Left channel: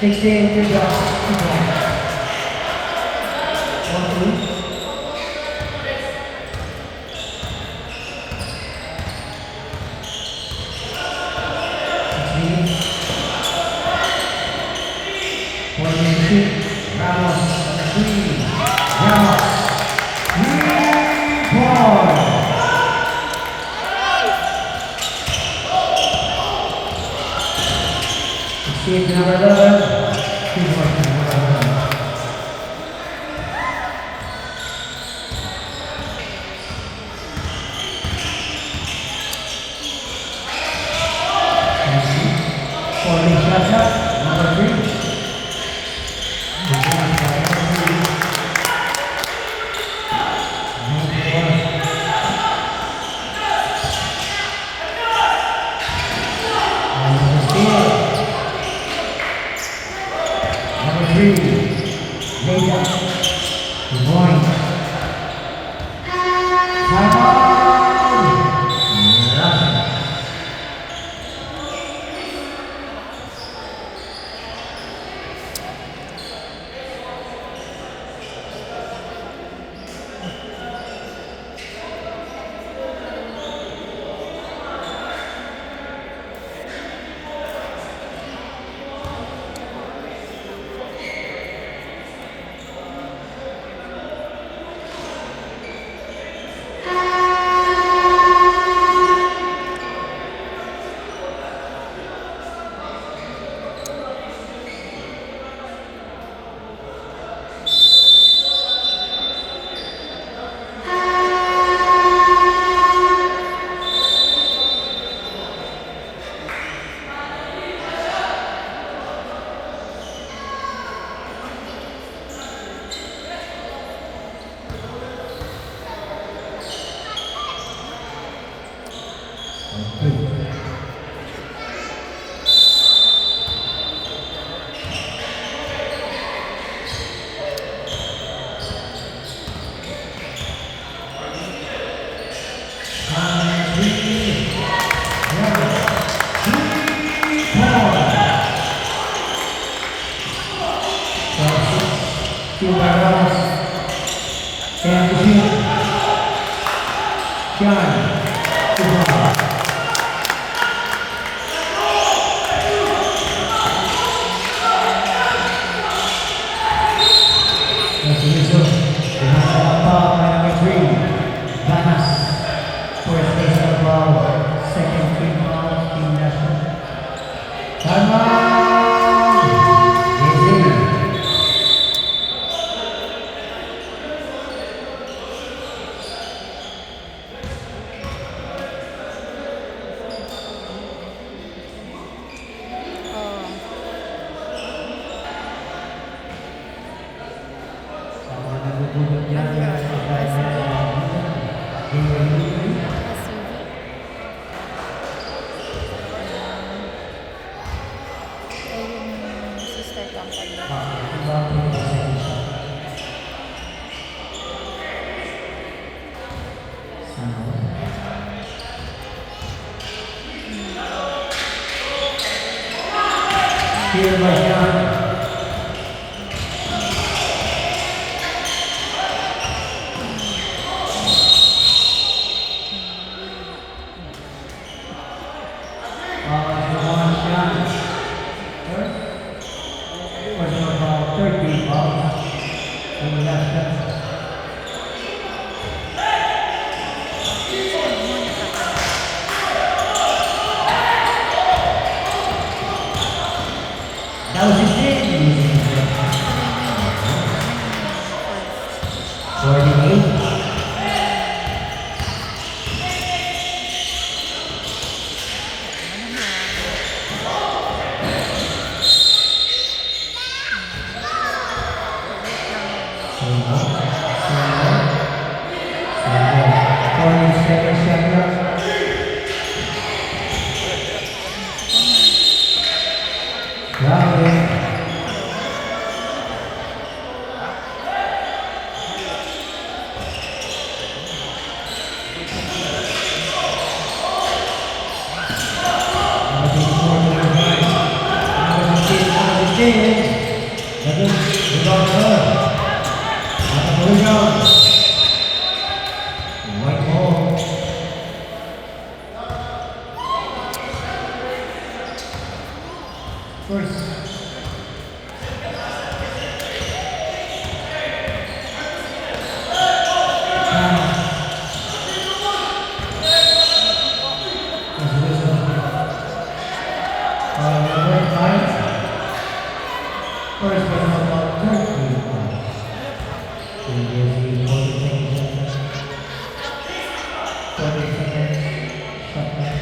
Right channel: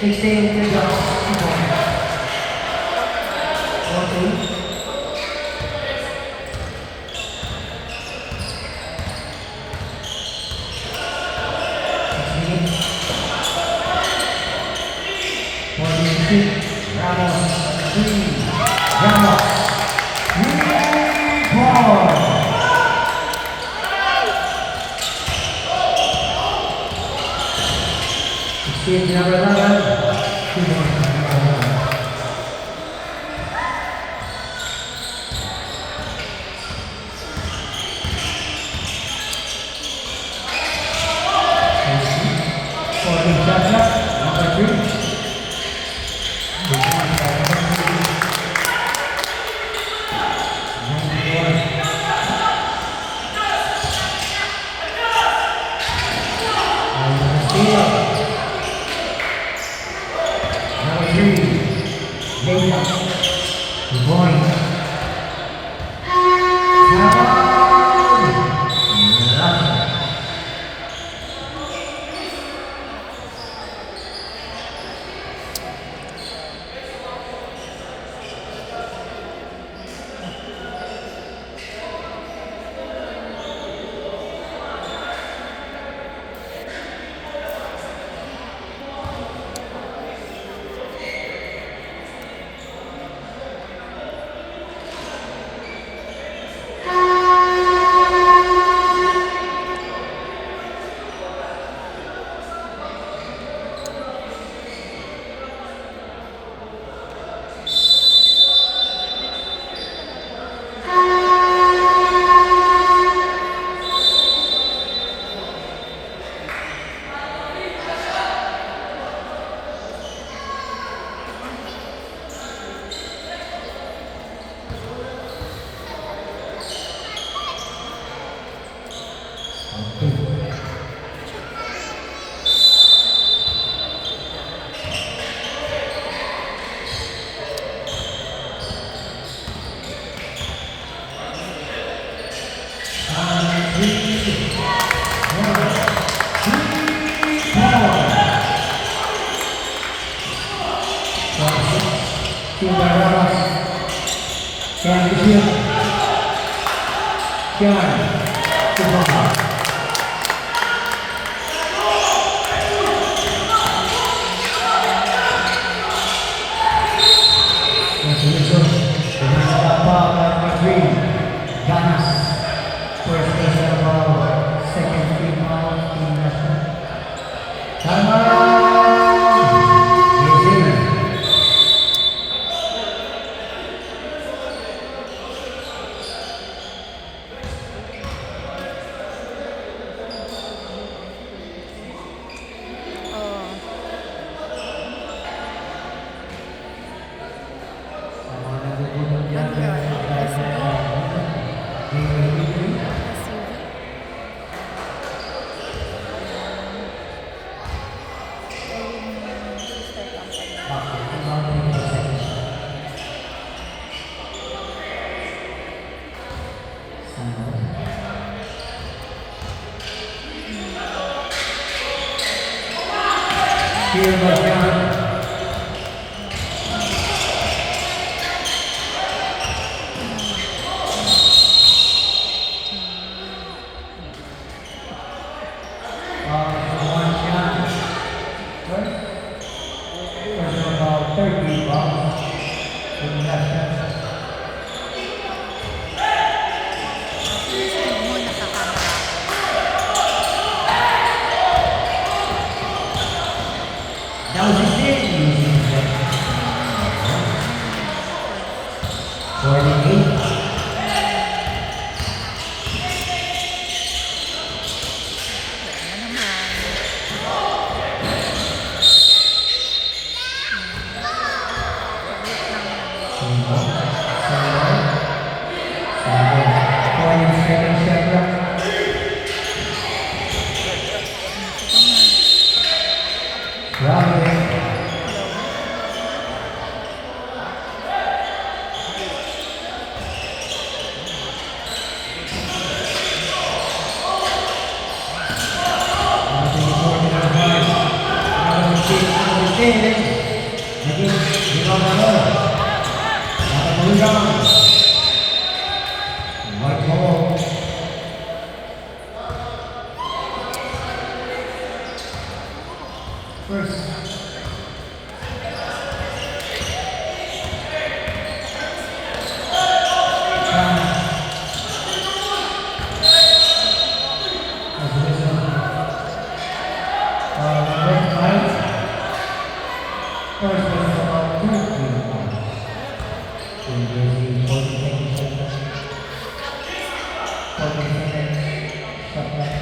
16 to the 1-2. Ramos, 3, Ramos, 3-point. Sixteen, number 11, 2 points. Number 3. Here by John. That was his name. 48. 16. Again, rebound number. At the rebound. White ball. First. First was about 2 points. So, 40 seconds. Stop that.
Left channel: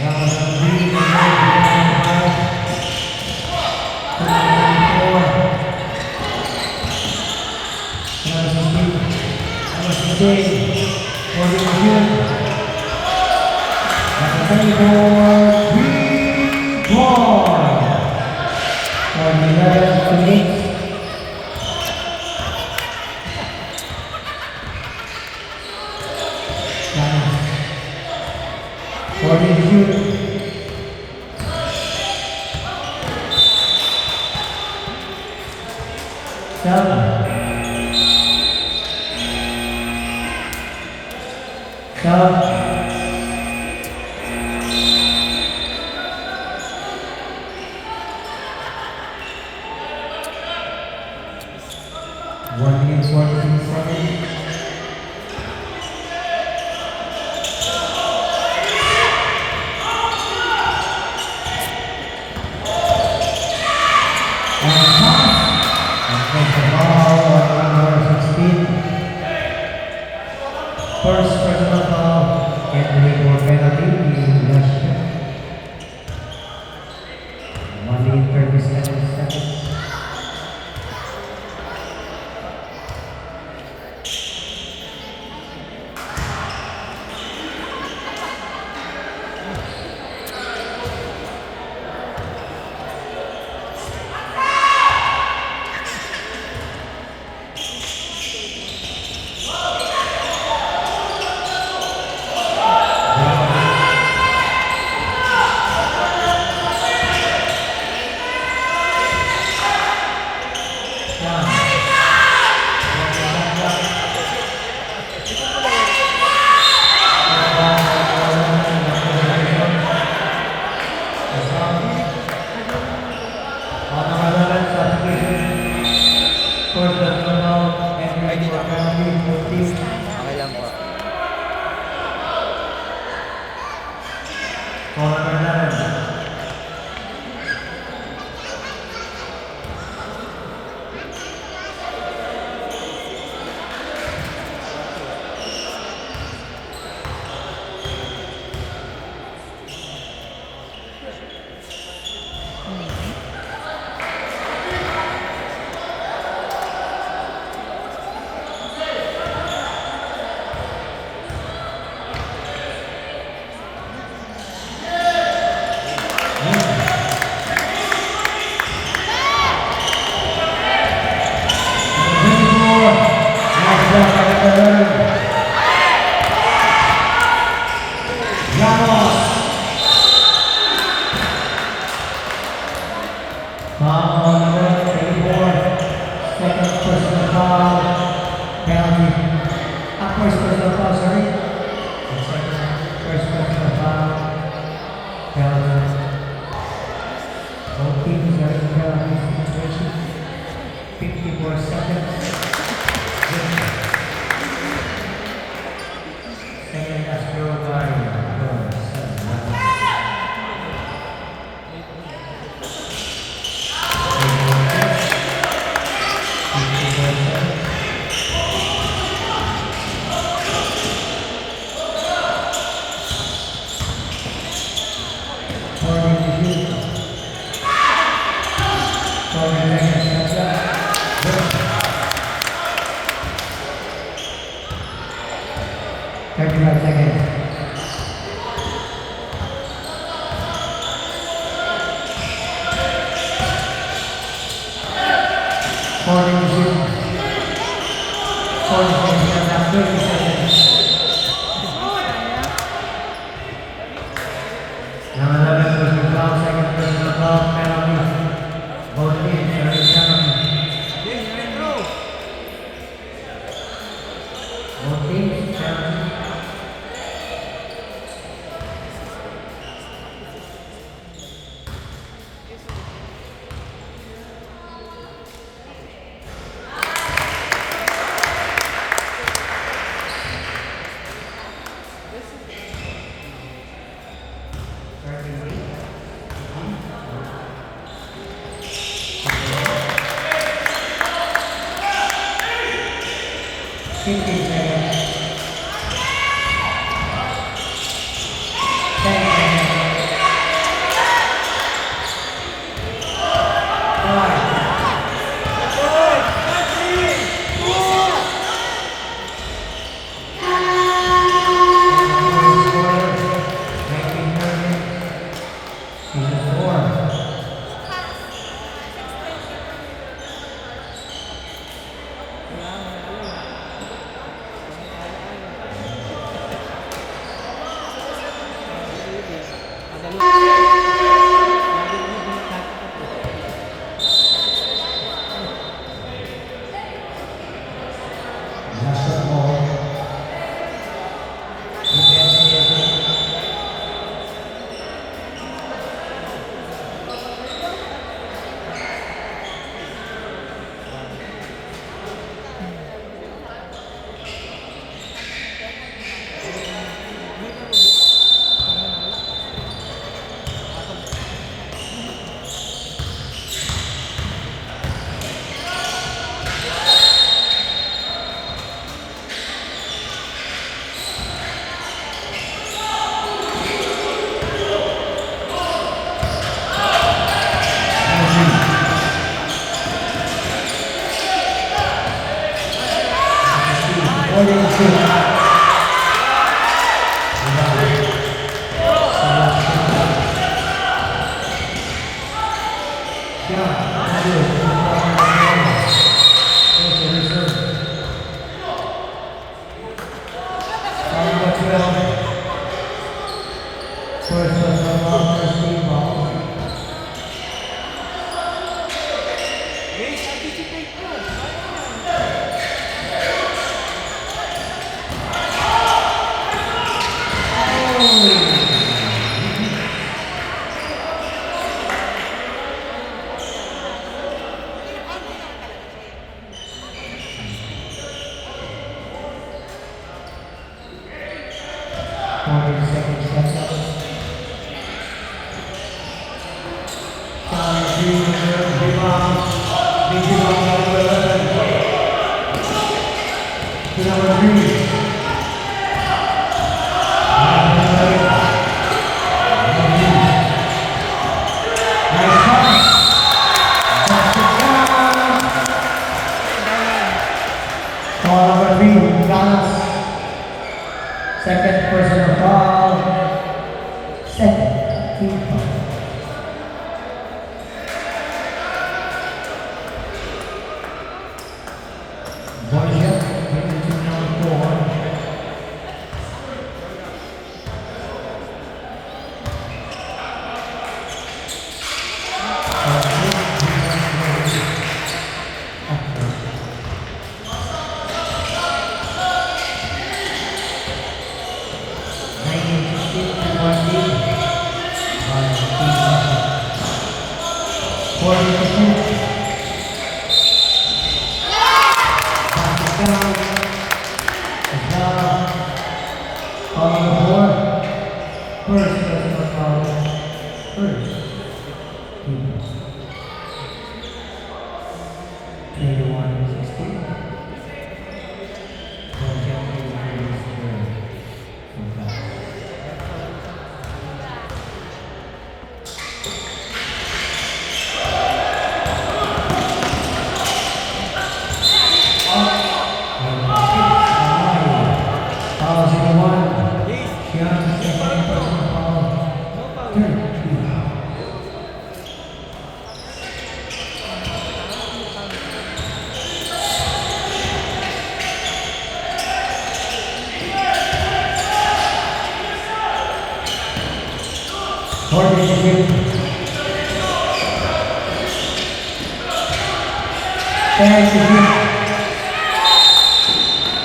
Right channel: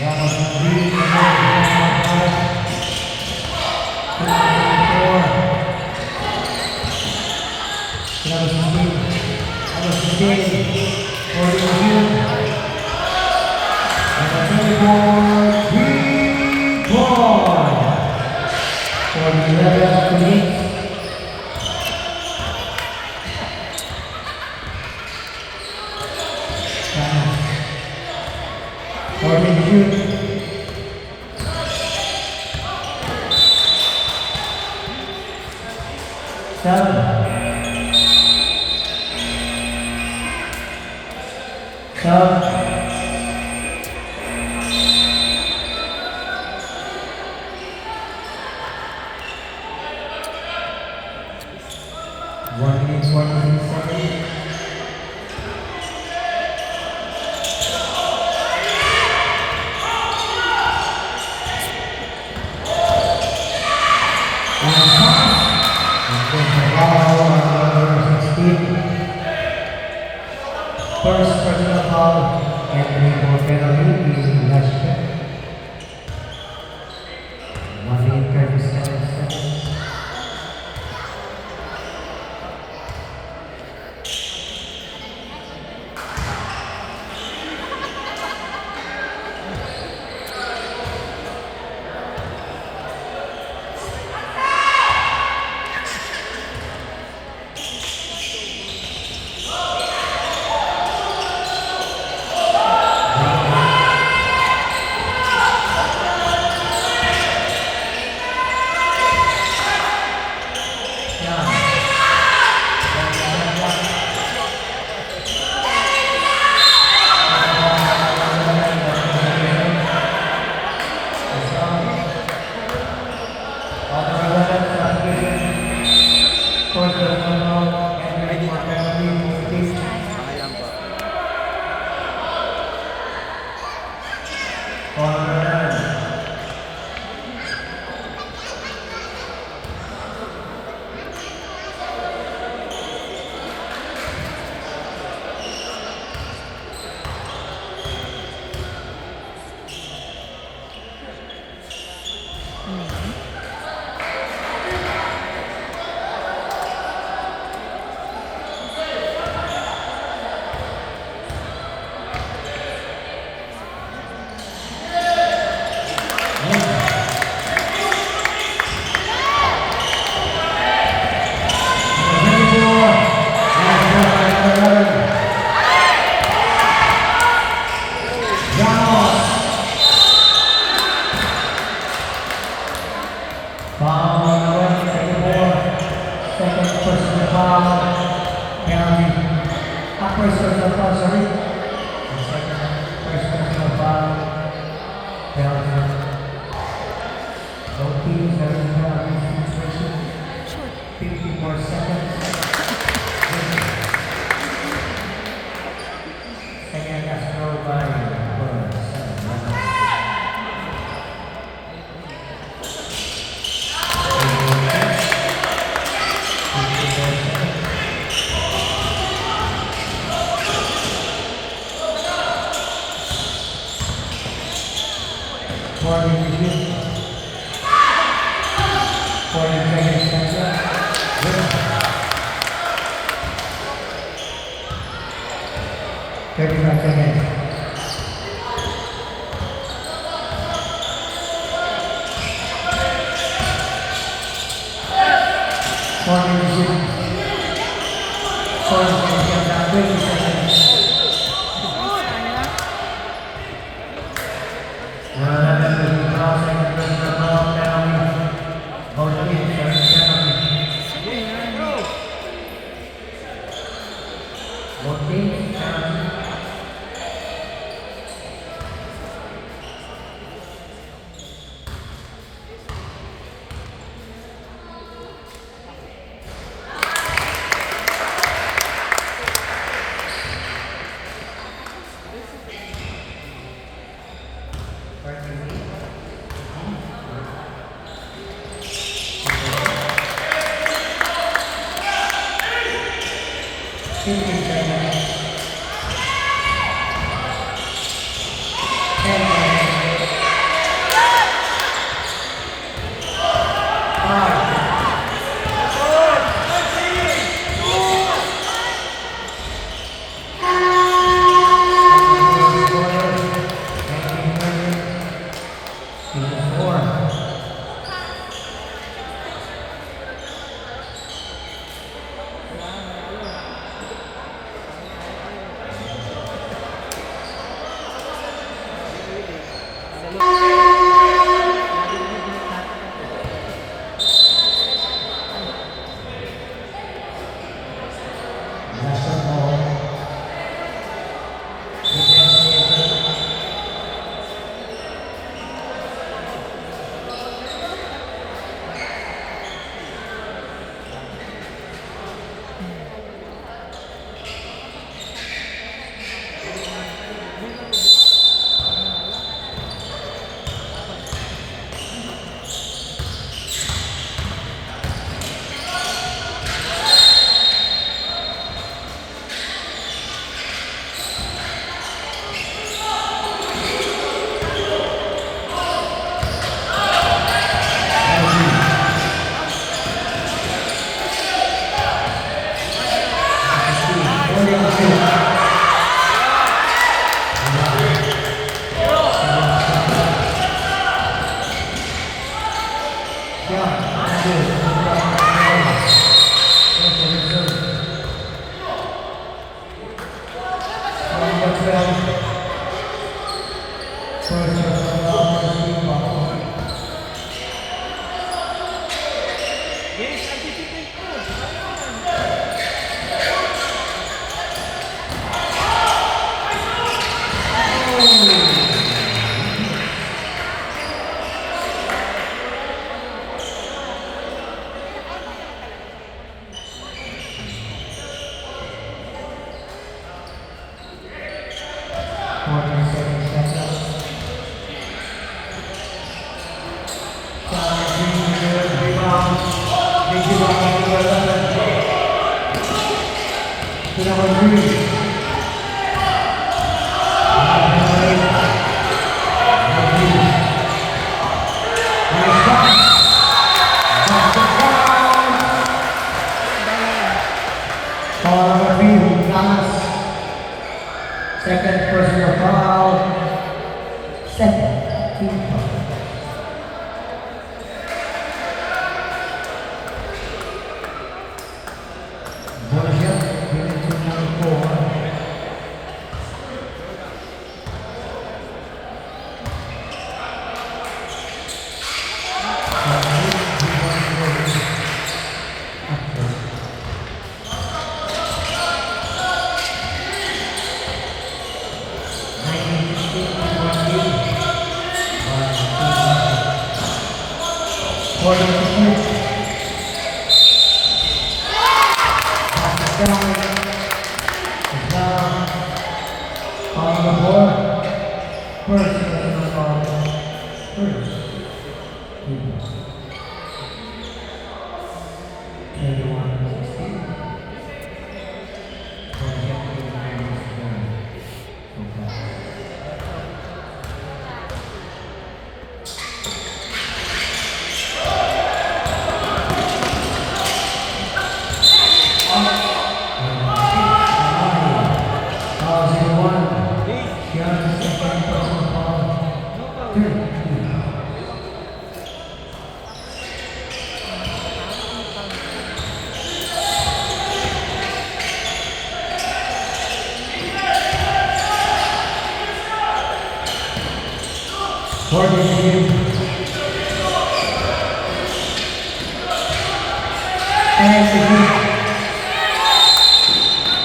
Ramos on the lead. 2:34. Ramos 16. 40 review. And the 24. 3-point. For the 11-8. For the shoot. Seven. 1 minute 46 seconds. First personal foul and for penalty is Rashid. 1 minute 37 seconds. Nah, teams. Second personal foul. Second team foul. Boychuk given to number 4.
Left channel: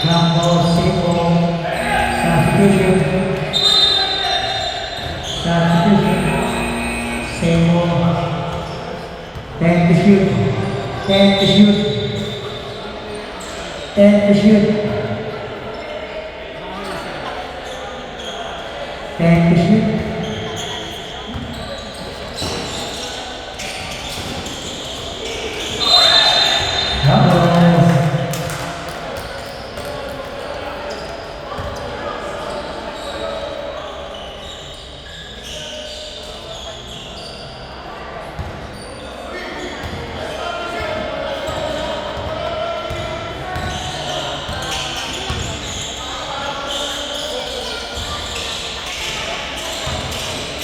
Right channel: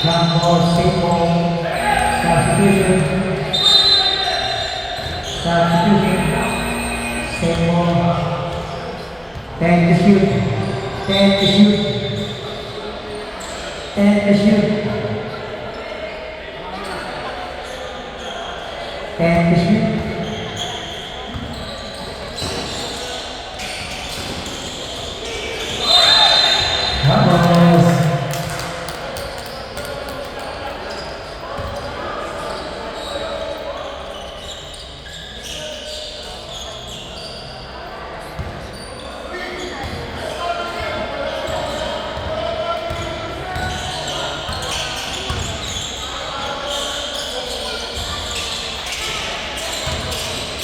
Jump ball, Substitution. Substitution. Same ball. 10 to shoot. 10 to shoot. 10 to shoot. 10 to shoot. Doubles.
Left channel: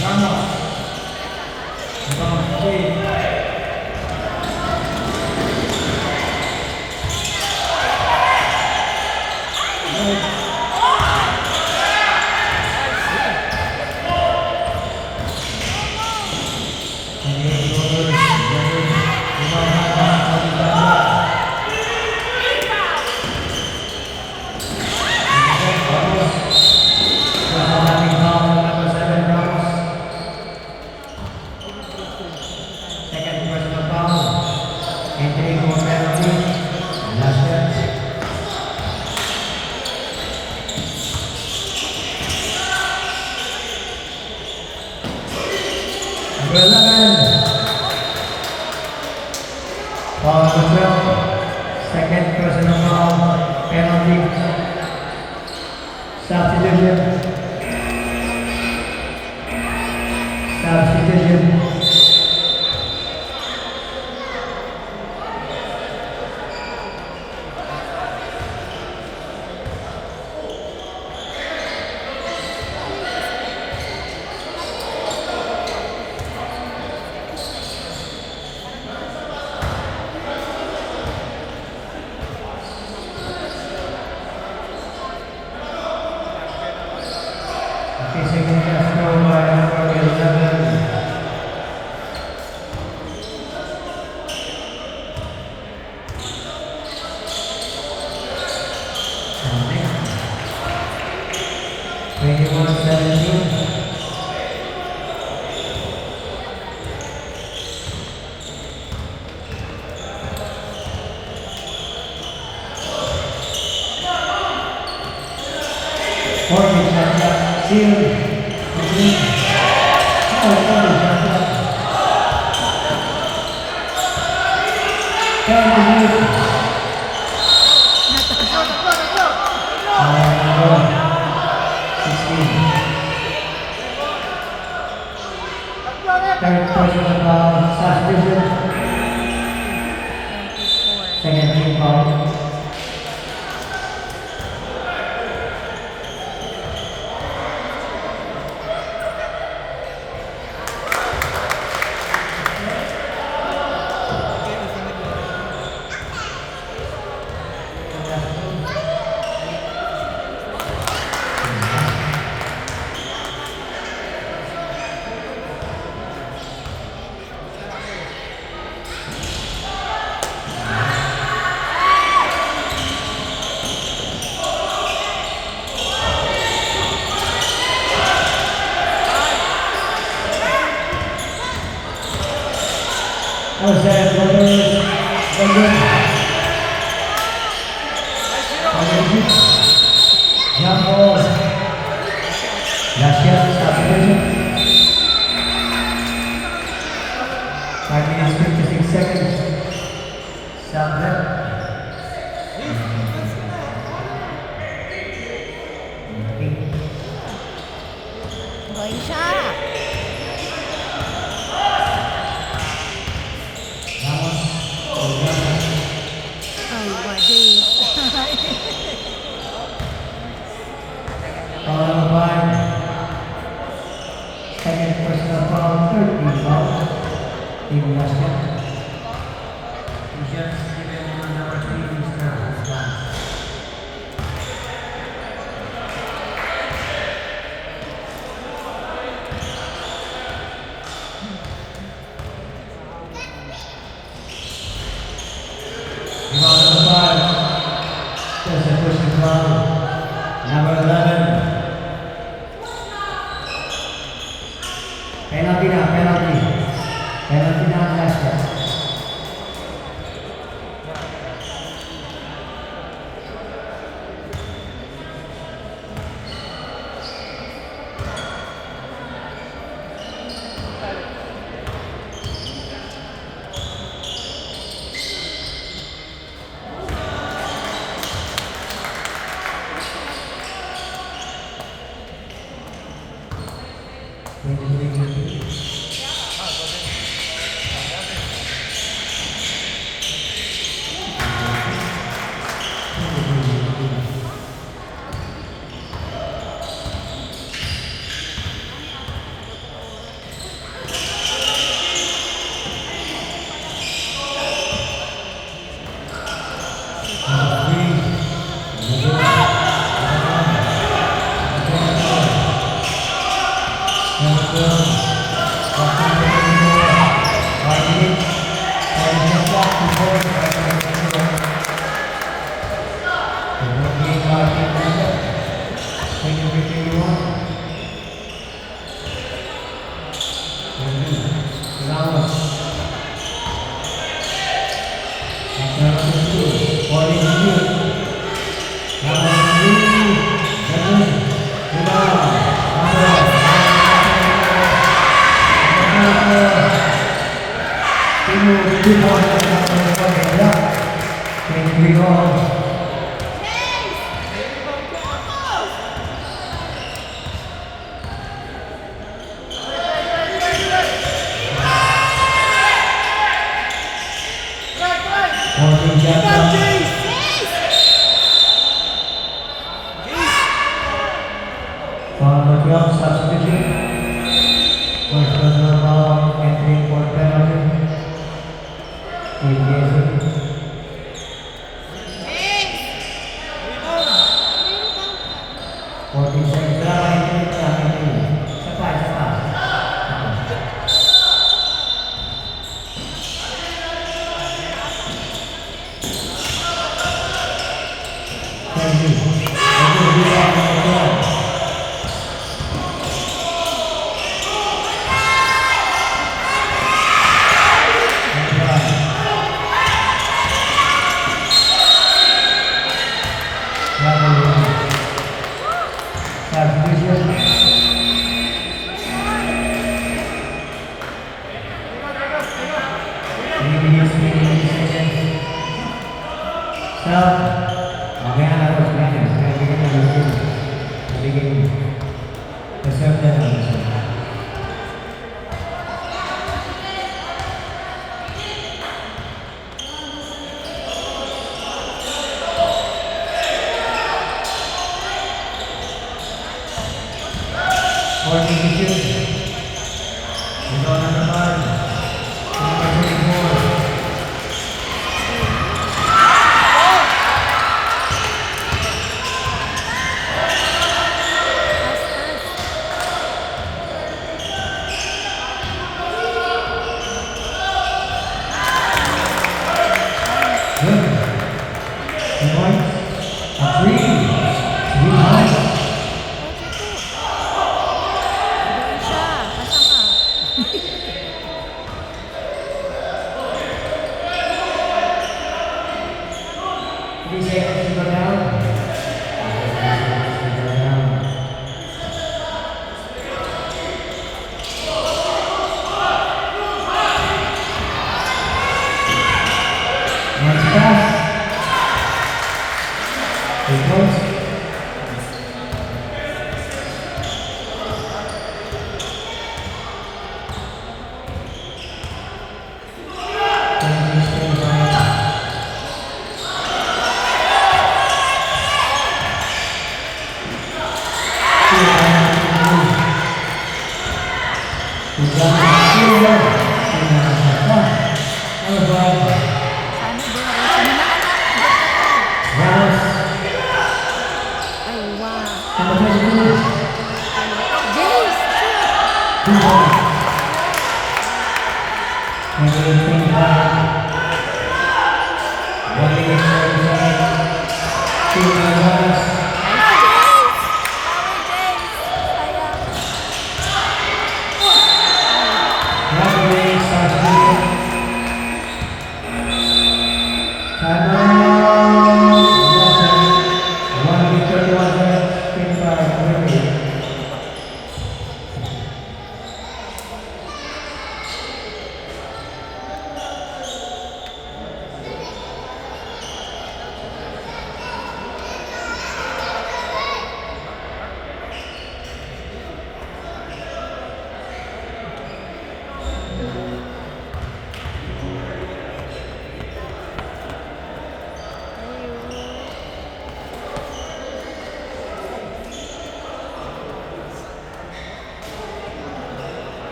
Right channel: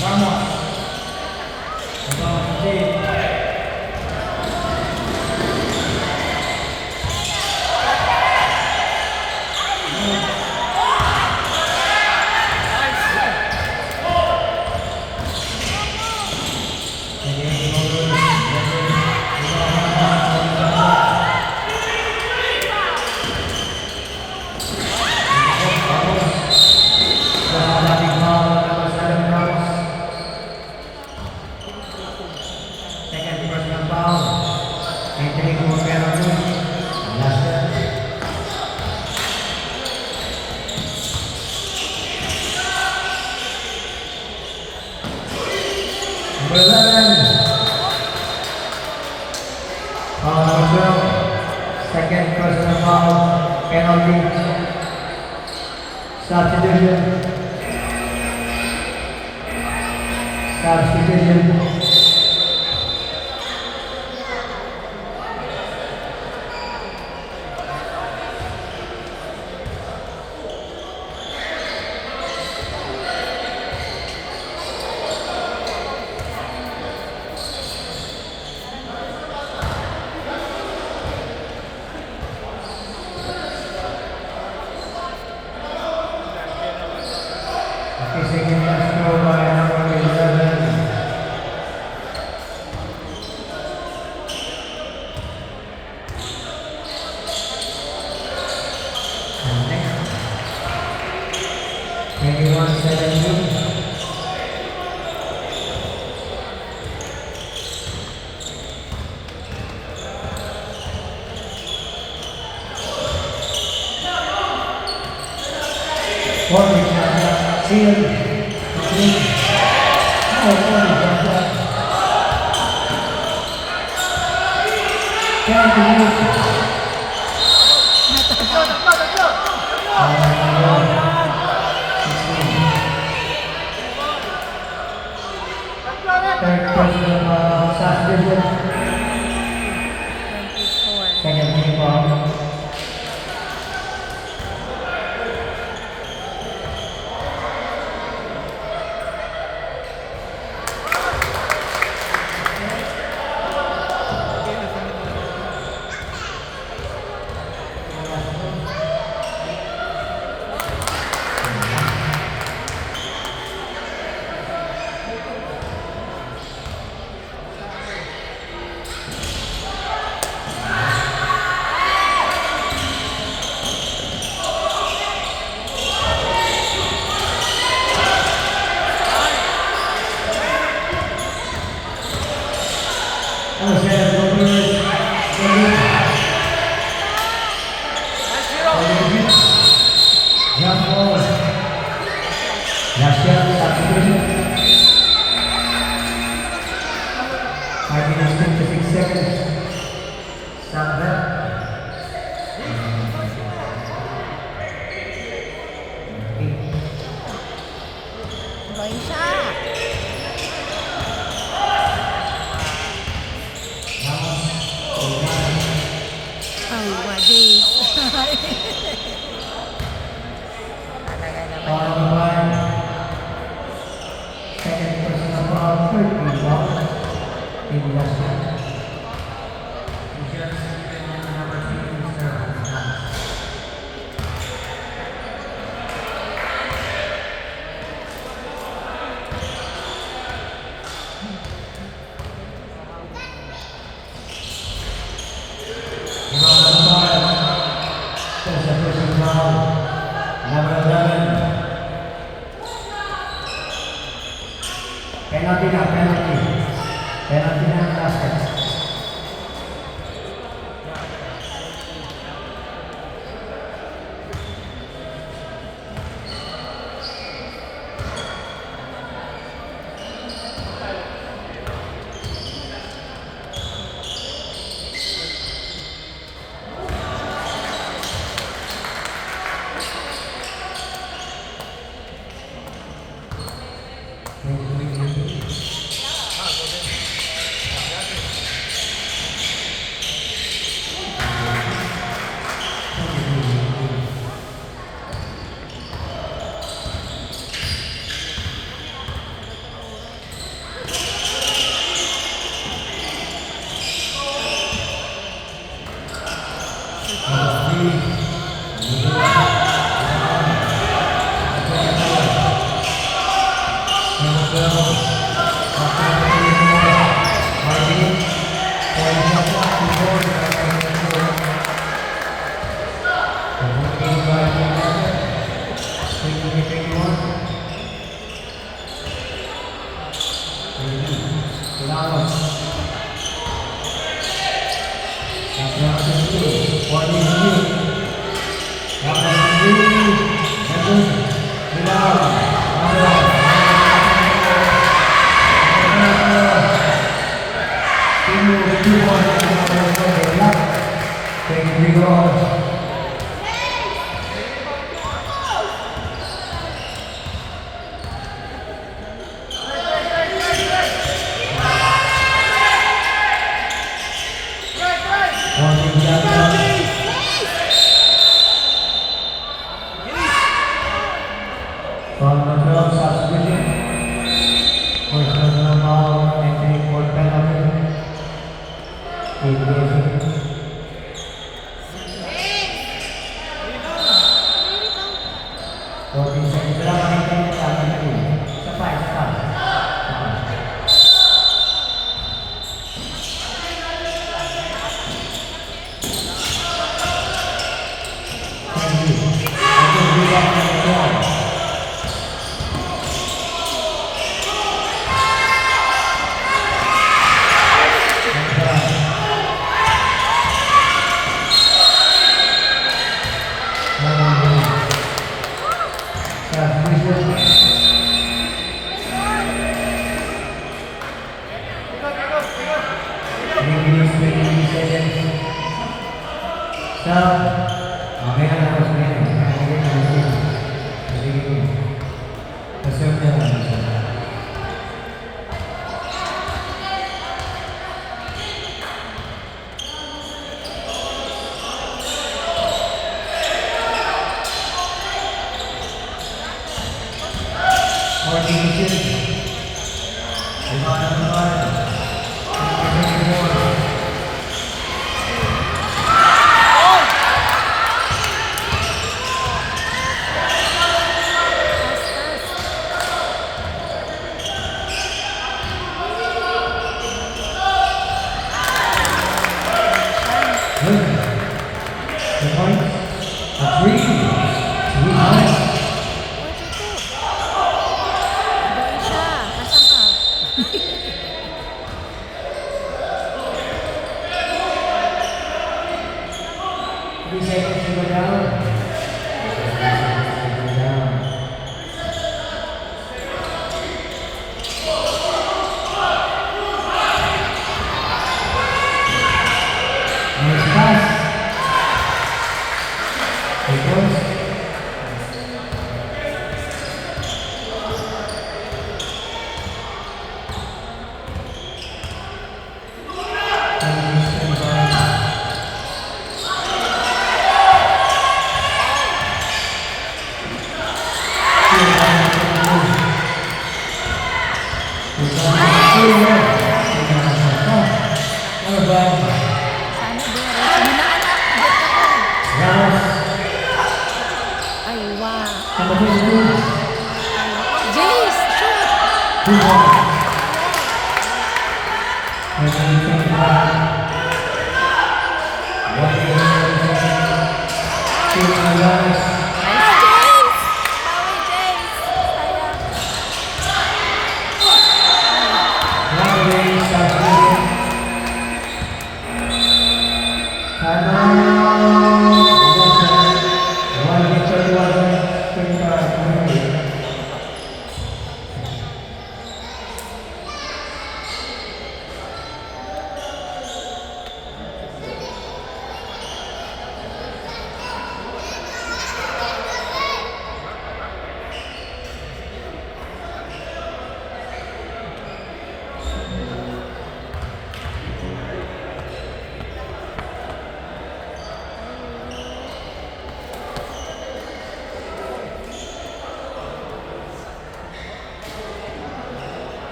Vamos. Vamos, sí. Second personal foul. Entering for penalty. Last year. Number 11. Foul number 12. Second personal foul. Penalty. Substitution. Substitution. Second pass throw by number 11. Anyone 72? Seal. Second team foul. Jump ball. Last shot, substitution. 5 minutes 56 seconds. Sandra. Foul number 5. Second personal foul, third team foul. Team Russia. Michelle Stephen, number 3, Mr. Dance. Foul number 5. There's a personal foul. Number 11. Penalty na, penalty. Penalty na ang last shot.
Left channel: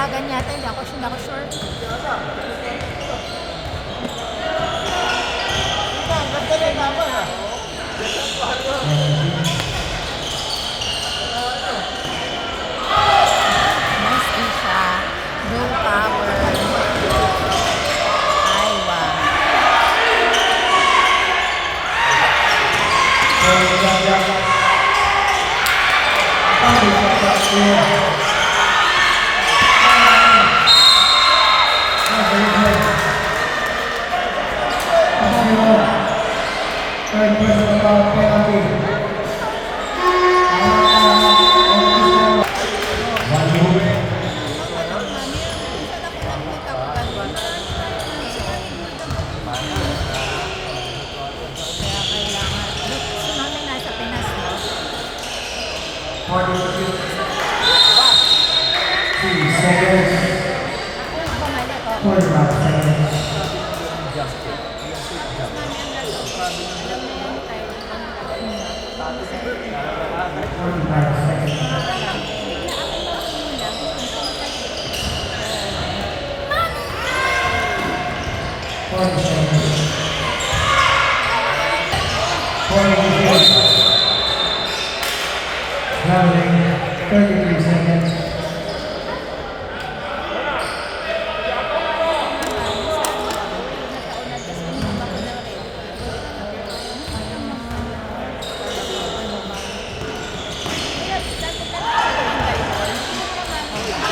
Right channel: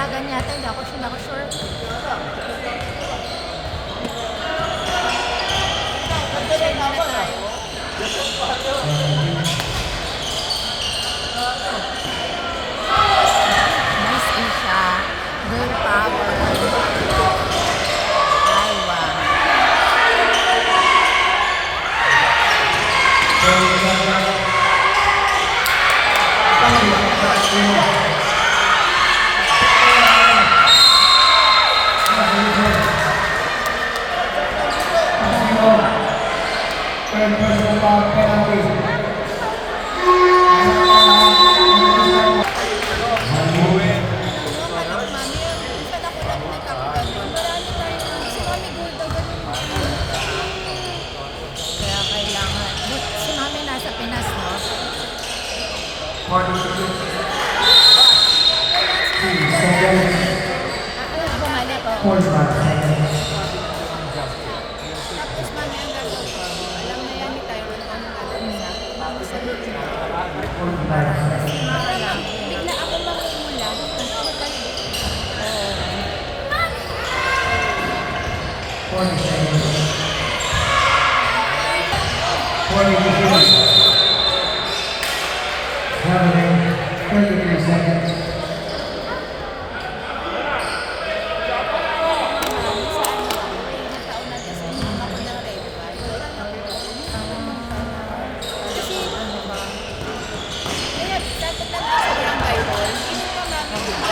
Dalagan yata, hindi ako sure. Nice din siya. Girl power. Iowa. Third personal foul penalty. One move. Kaya kailangan. Look, si mami nasa Pinas, no? 46. 2 seconds. Bumalik ako. 45 seconds. 45 seconds. 40 seconds. 43. Traveling 33 seconds.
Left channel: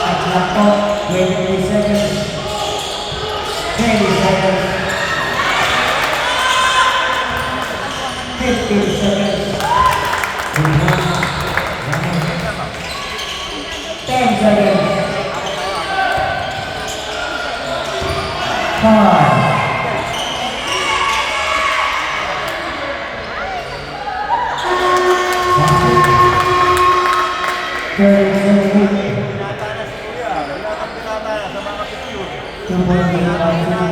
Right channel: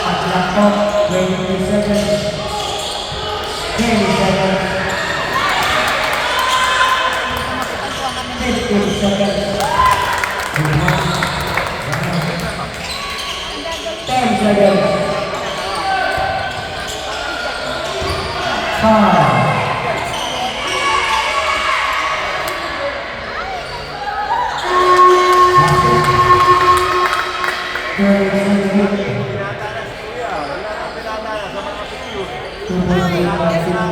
Atlanta 23 seconds. 20 seconds. 15 seconds. 10 seconds. 5. 30 seconds. Sa mga picture. 2.8 seconds.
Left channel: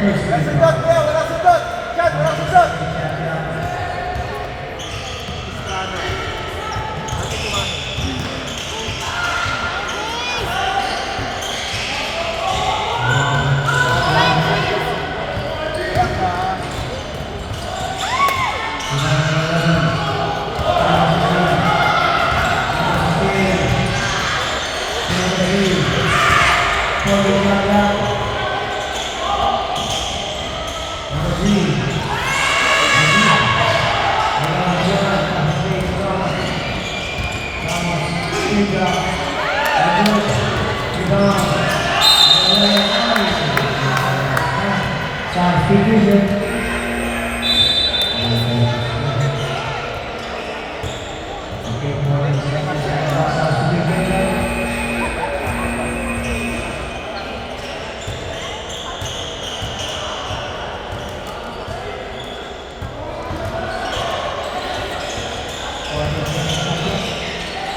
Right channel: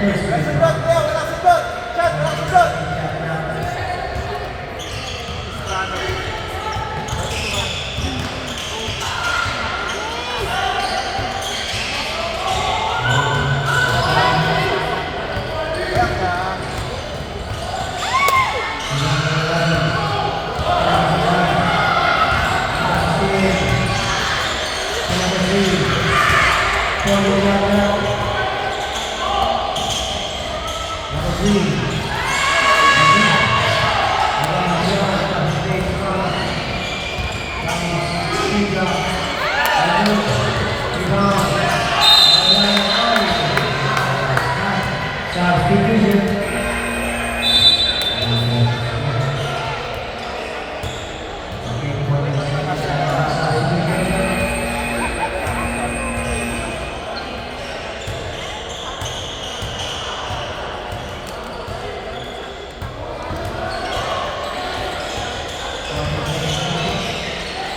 Walang sundot, Leo! Walang sundot! Chad, walang sundot!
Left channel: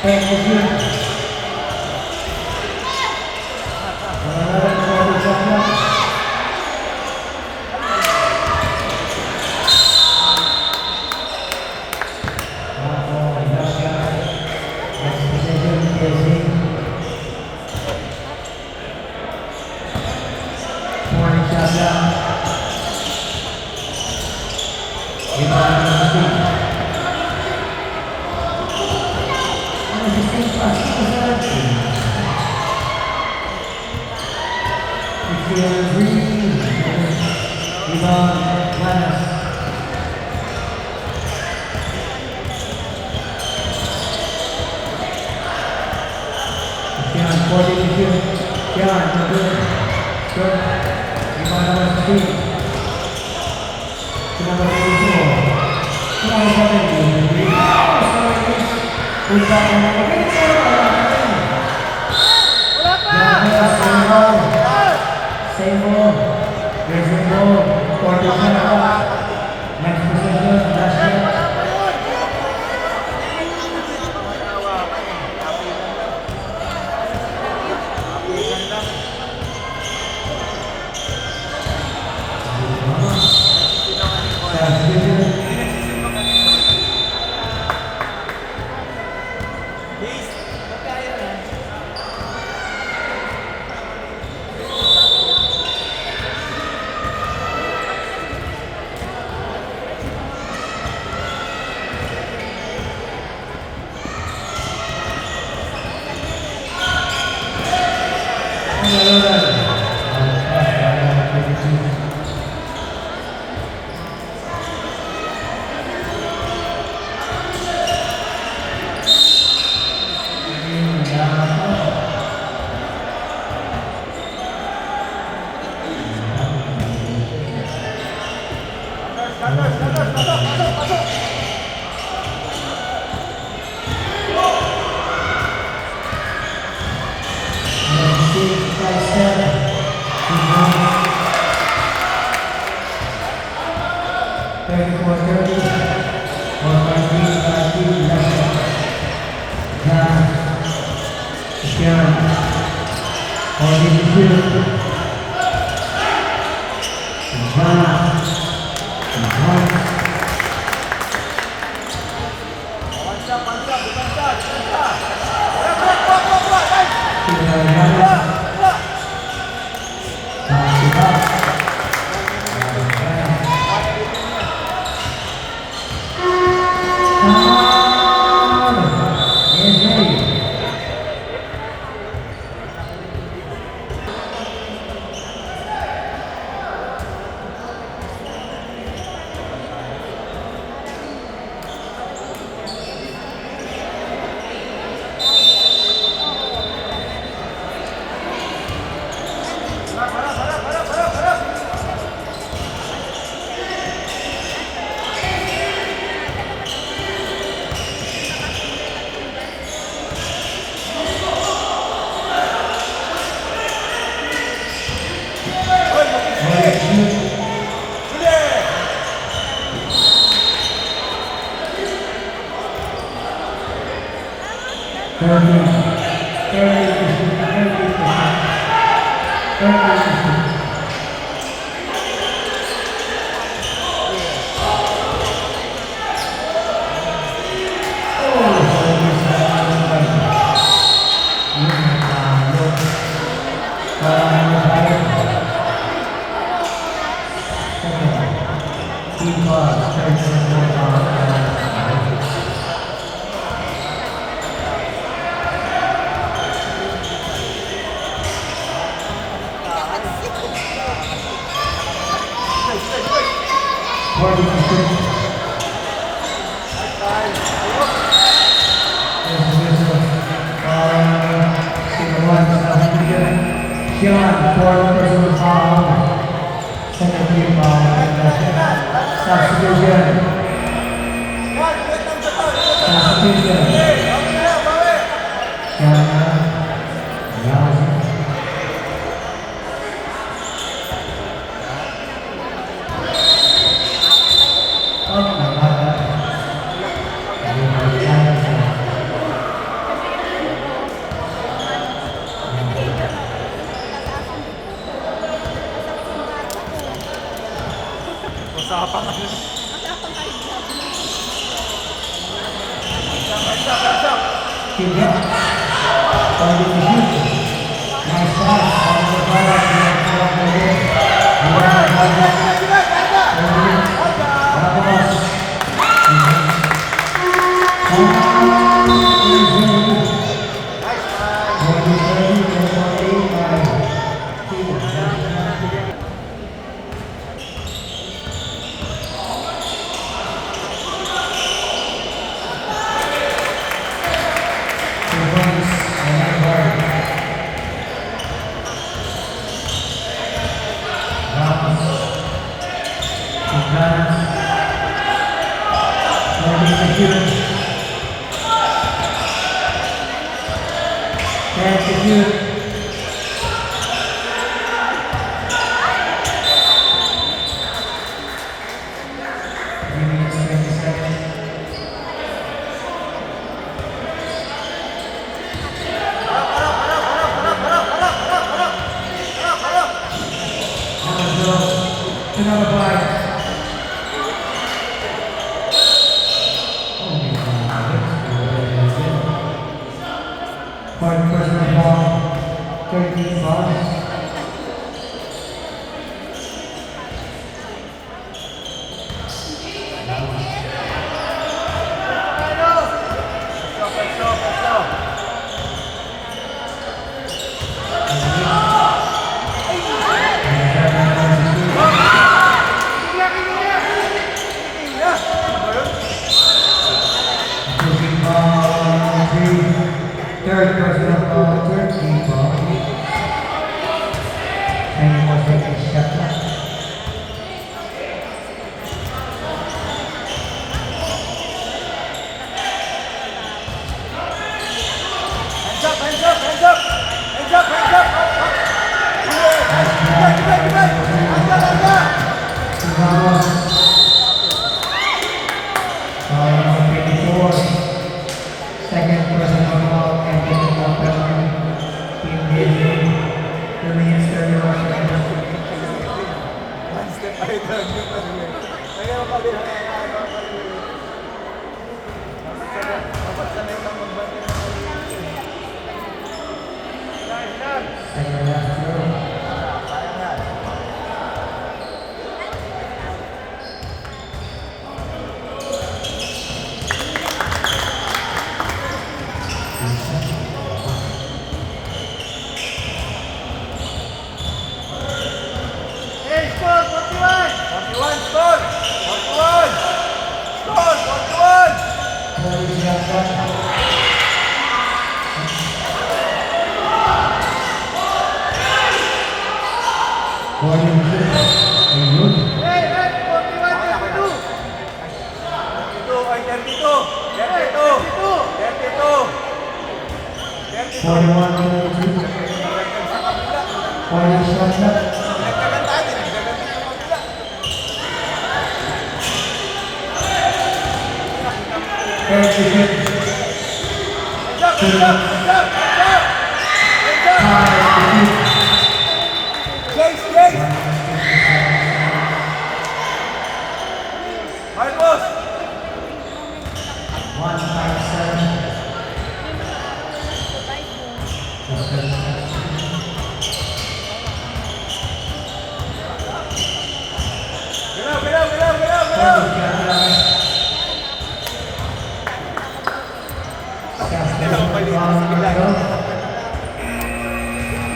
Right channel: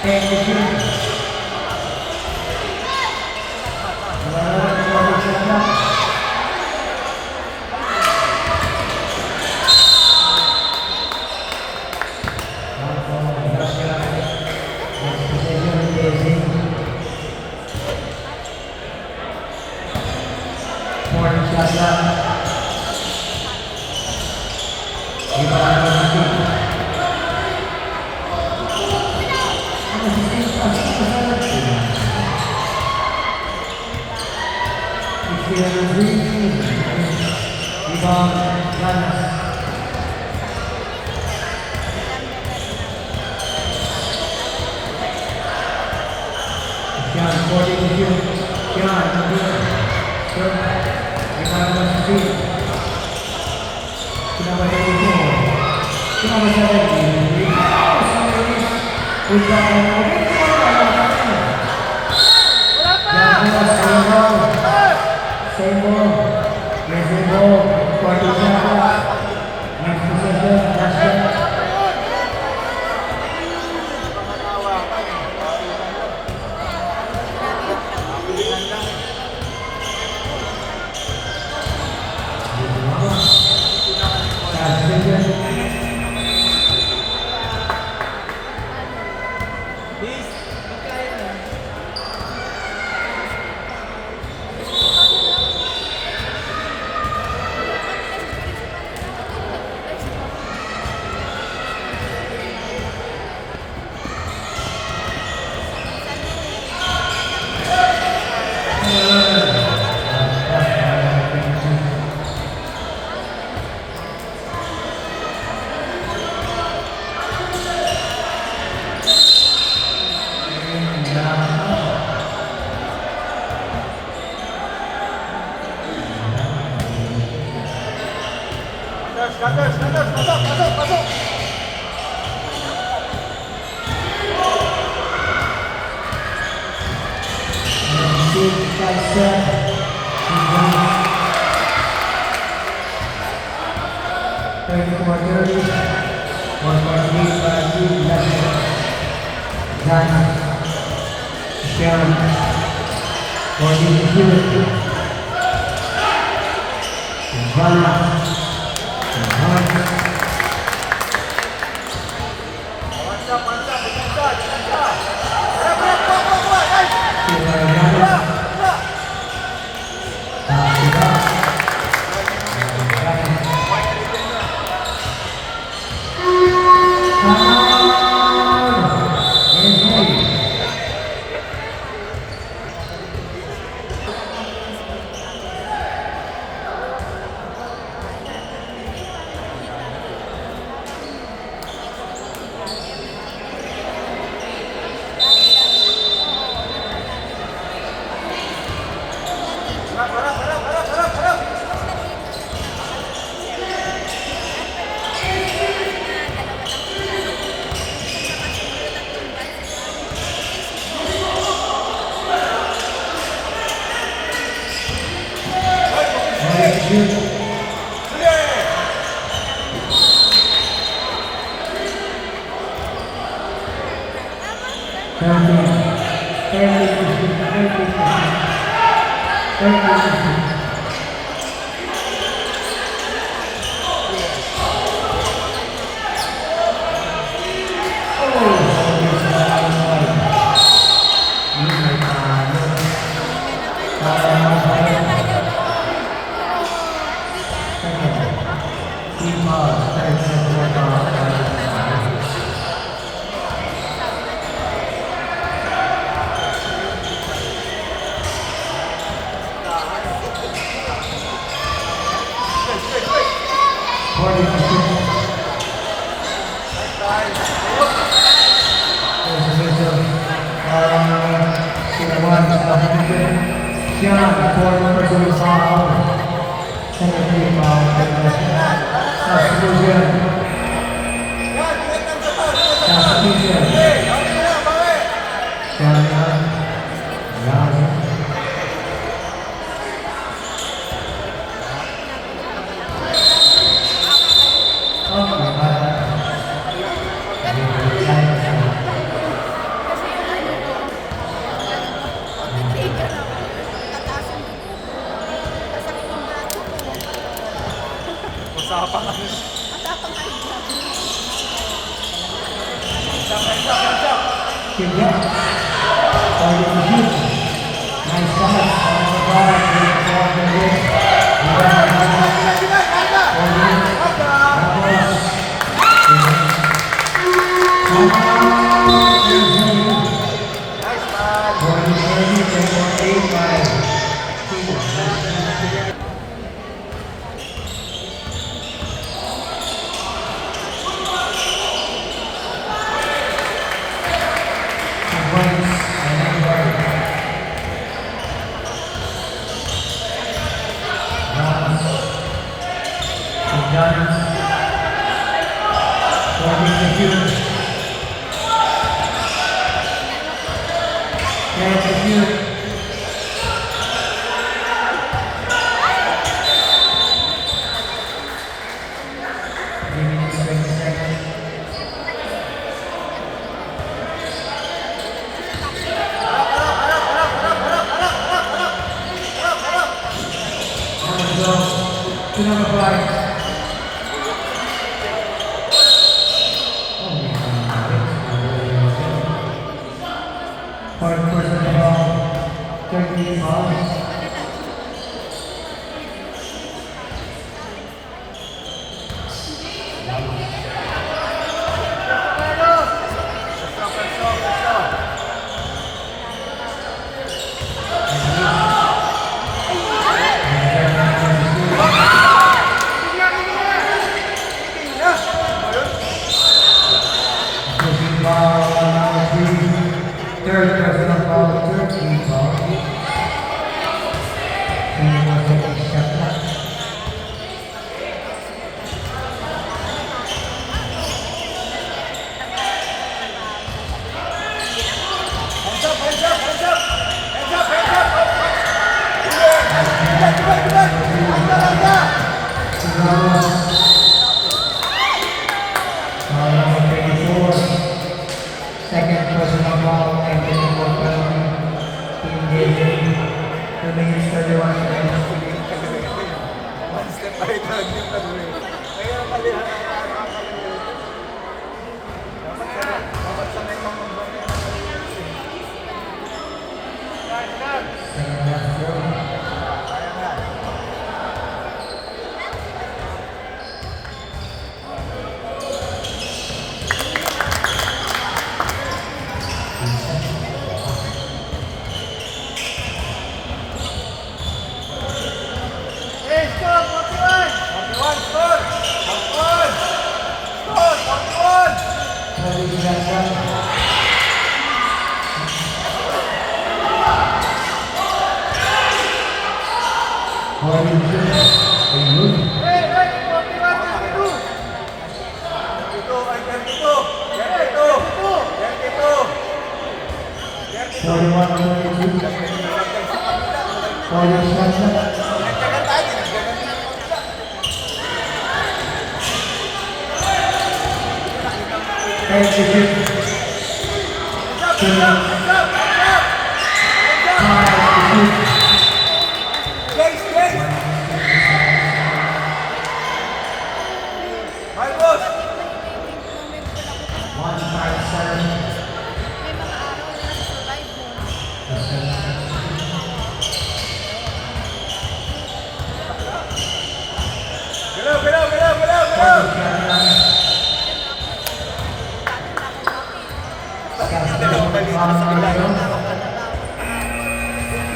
Thank you. Maraming salamat. Ako, Russia. Next possession, Brazil. One shot lang. Rebound ng Brazil. Rebound, Lanas. Sean, 40 to 2. Sean, good. Good. Rebound number 3. Number 34. Number 17. Rebound number 8. Wala pa! Same ball. There's a ball. 40 seconds. Next possession, Russia. Wala pa yun! Katas, pasok! Pansap! Buat! Sean, fourth personal foul. Second team foul. Substitution. Substitution. Sean, Razi. Oh, Good job. Target to shoot. Nice pass. Ball the back. Nice man. 40-30, 10-8 by Point personal foul, 13 fouls. Pushing foul, third personal foul, 13 fouls. 10 more seconds shot clock. Foul number 24. Second personal foul and technical penalty. Team David. Remains 31 seconds. Second last throw.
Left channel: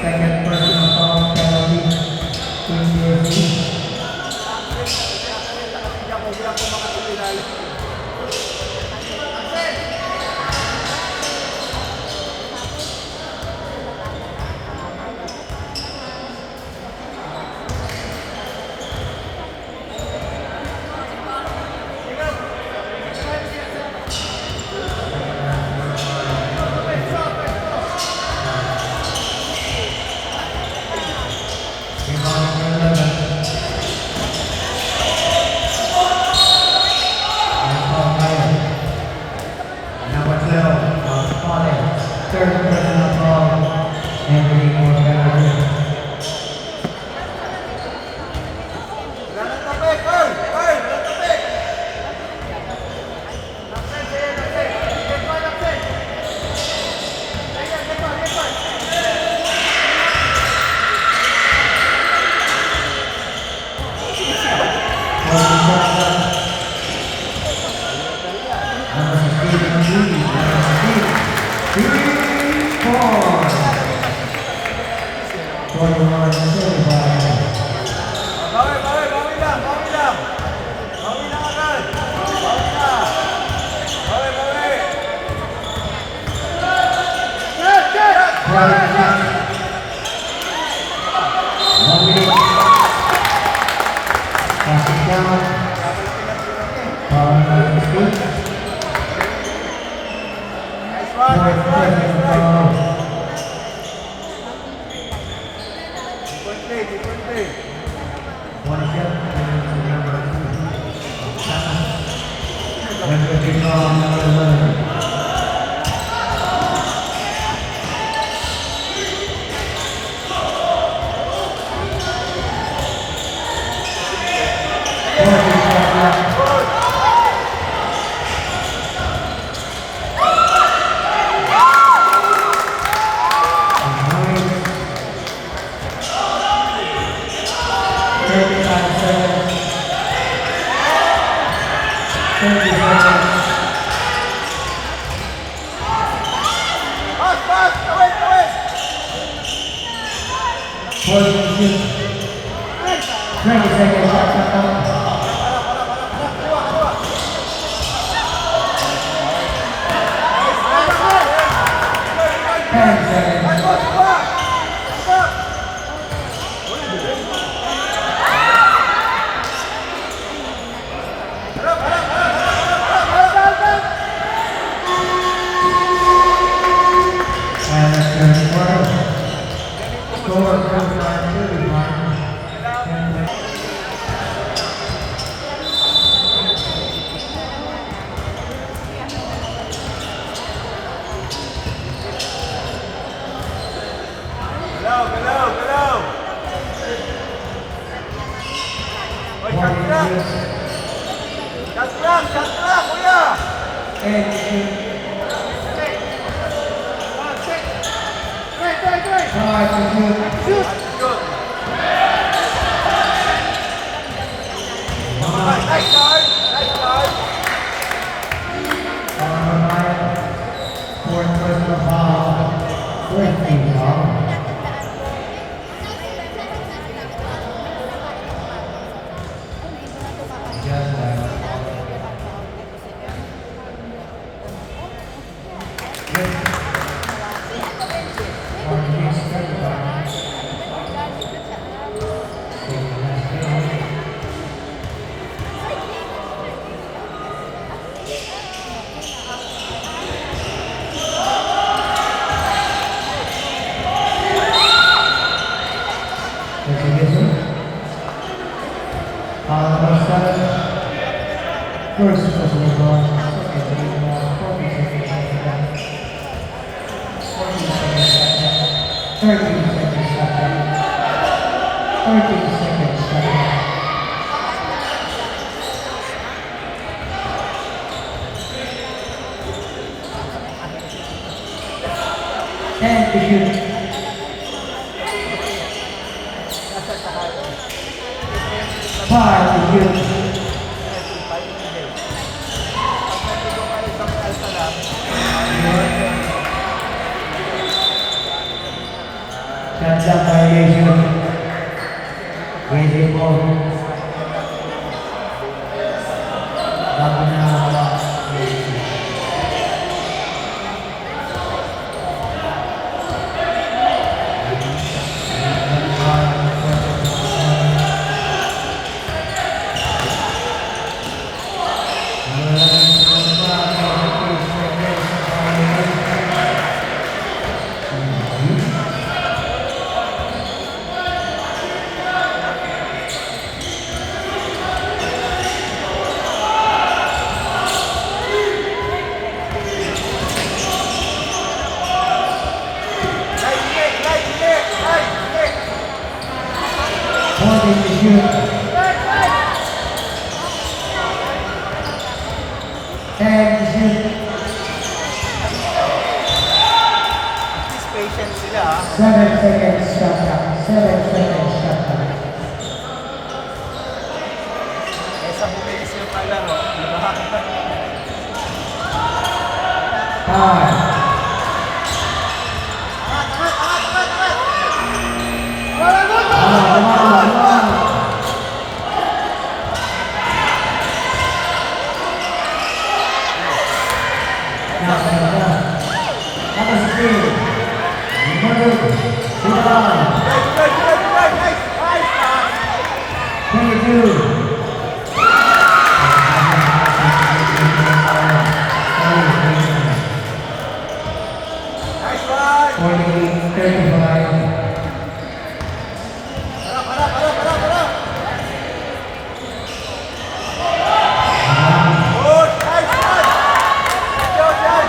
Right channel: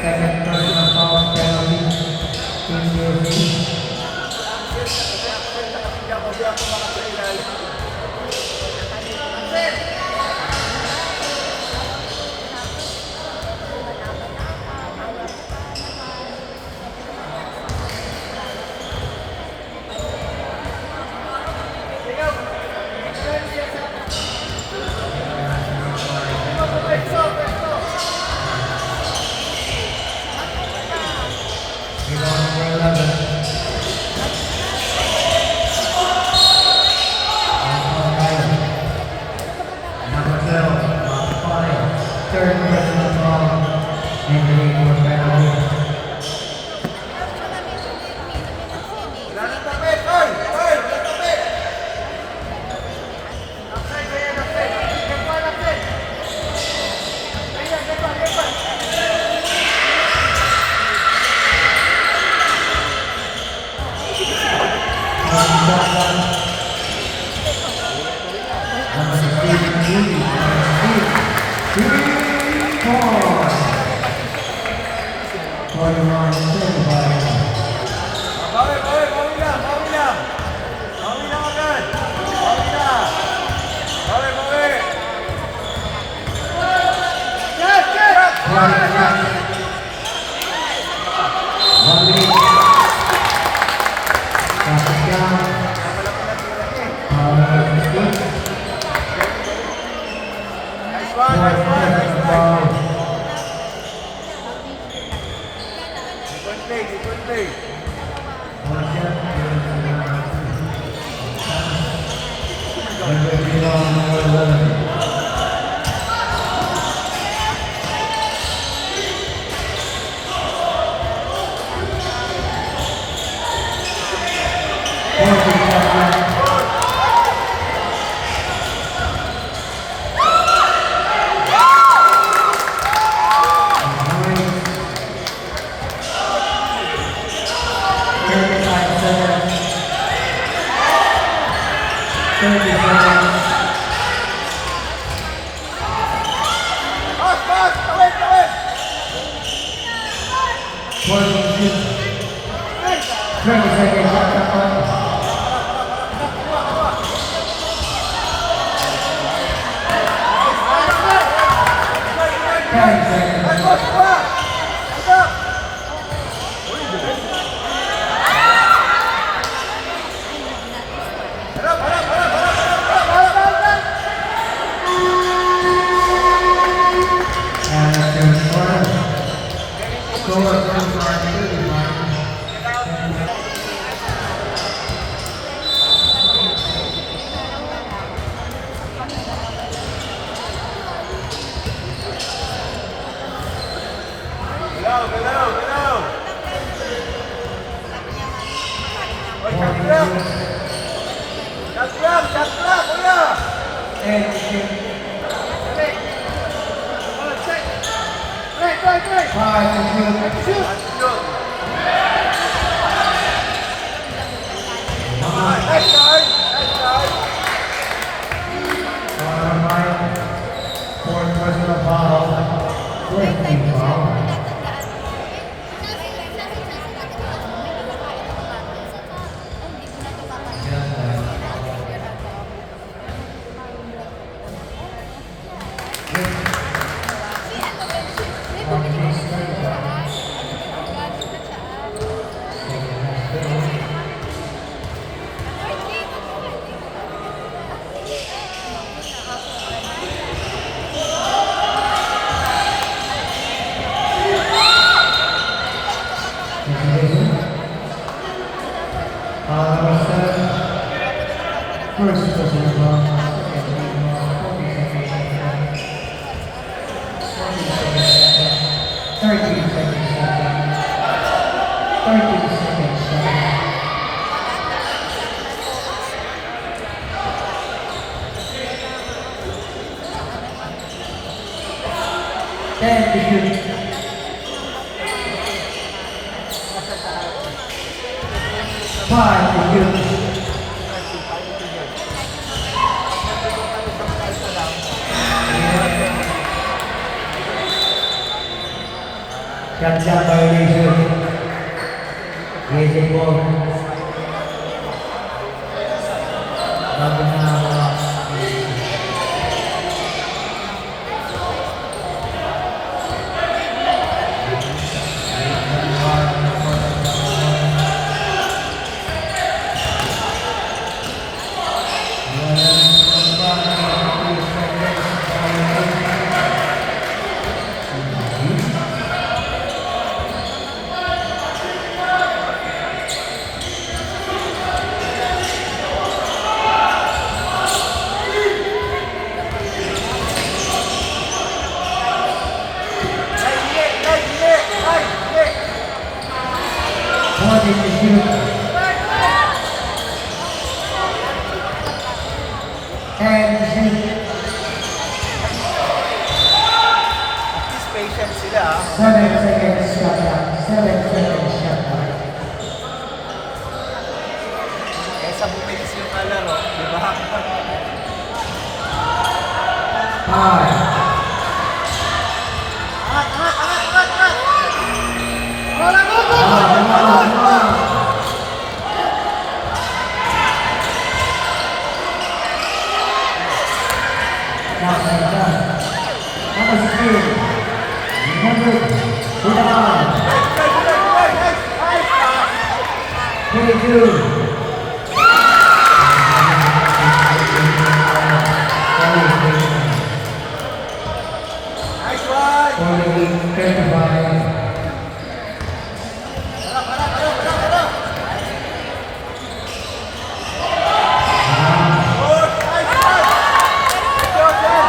Second personal foul penalty. Team USA. Bawi, bawi, bawi lang, bawi lang. Bawi lang agad. Bawi na. Bawi, bawi. Check, check. Nice one, nice one, nice one. Different play, different play. Pass, pass, tawid, tawid. 20 seconds shot clock. Ten seconds. Ay, boss, pa. Stop. Harap, harap, harap, harap, harap, harap, harap, harap. And that's your score. Score from our 31. Galaw, galaw, galaw. Oy, shot clock. Shot clock, kuya. And five to shoot. Attitude. Nice start, nice start. Fourth personal foul. 14 foul. First personal foul. Second foul. 40 seconds shot clock. 40 seconds shot clock. 13 seconds shot clock. 13 seconds shot clock. And to shoot. Five to shoot. Shot clock violation. Easy ball. Bago na nakawak. To shoot. And to shoot. At least patient sila. 7 seconds shot clock. 7 seconds shot clock. Kesa bumilis yung kalaro, di ba? 5. Number 3. Number 22. Nice one! 35. Push! Nice one! Good job, Jan!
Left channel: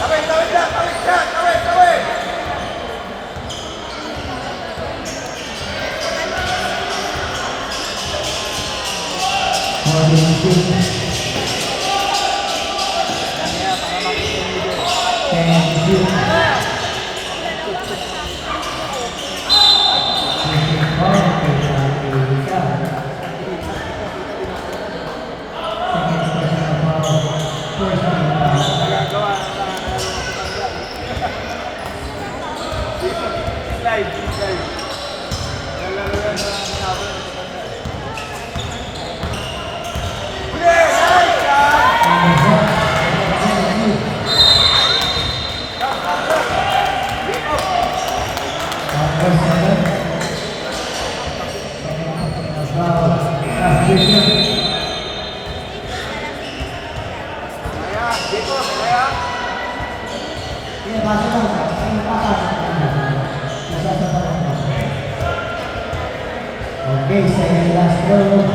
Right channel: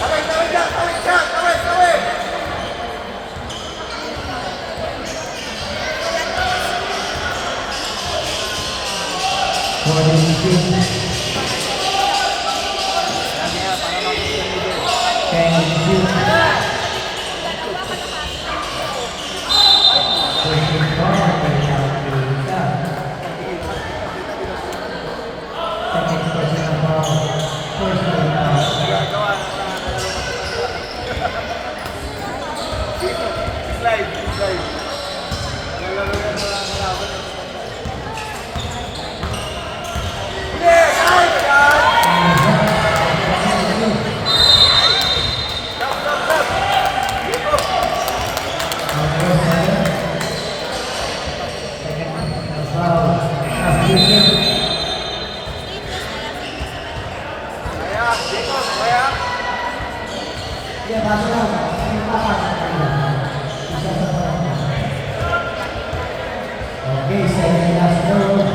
Tawid, tawid dyan! Tawid dyan! Tawid, tawid! Slide, slide. Lalaro yan na kalaban. Huli! Nice, Jan! Stop, stop, stop! Dito! Kaya, dito, kaya. Okay, second last row.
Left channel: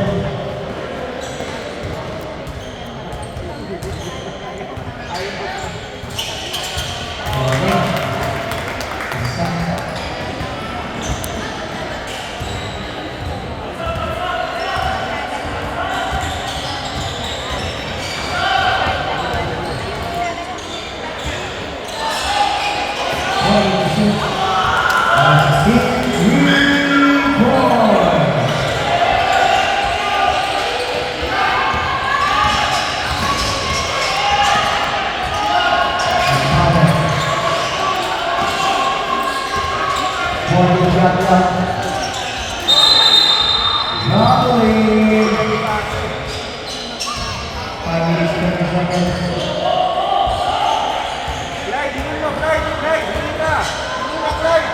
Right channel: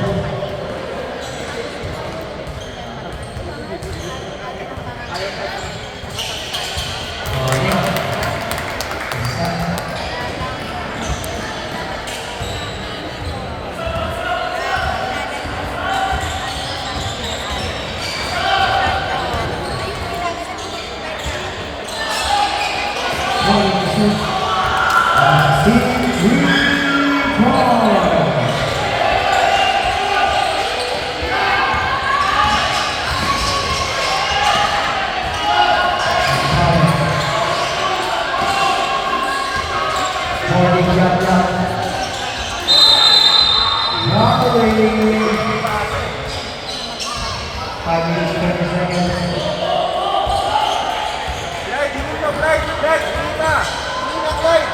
Slide, dito nyo, slide, slide, dito na. Dito na, slide.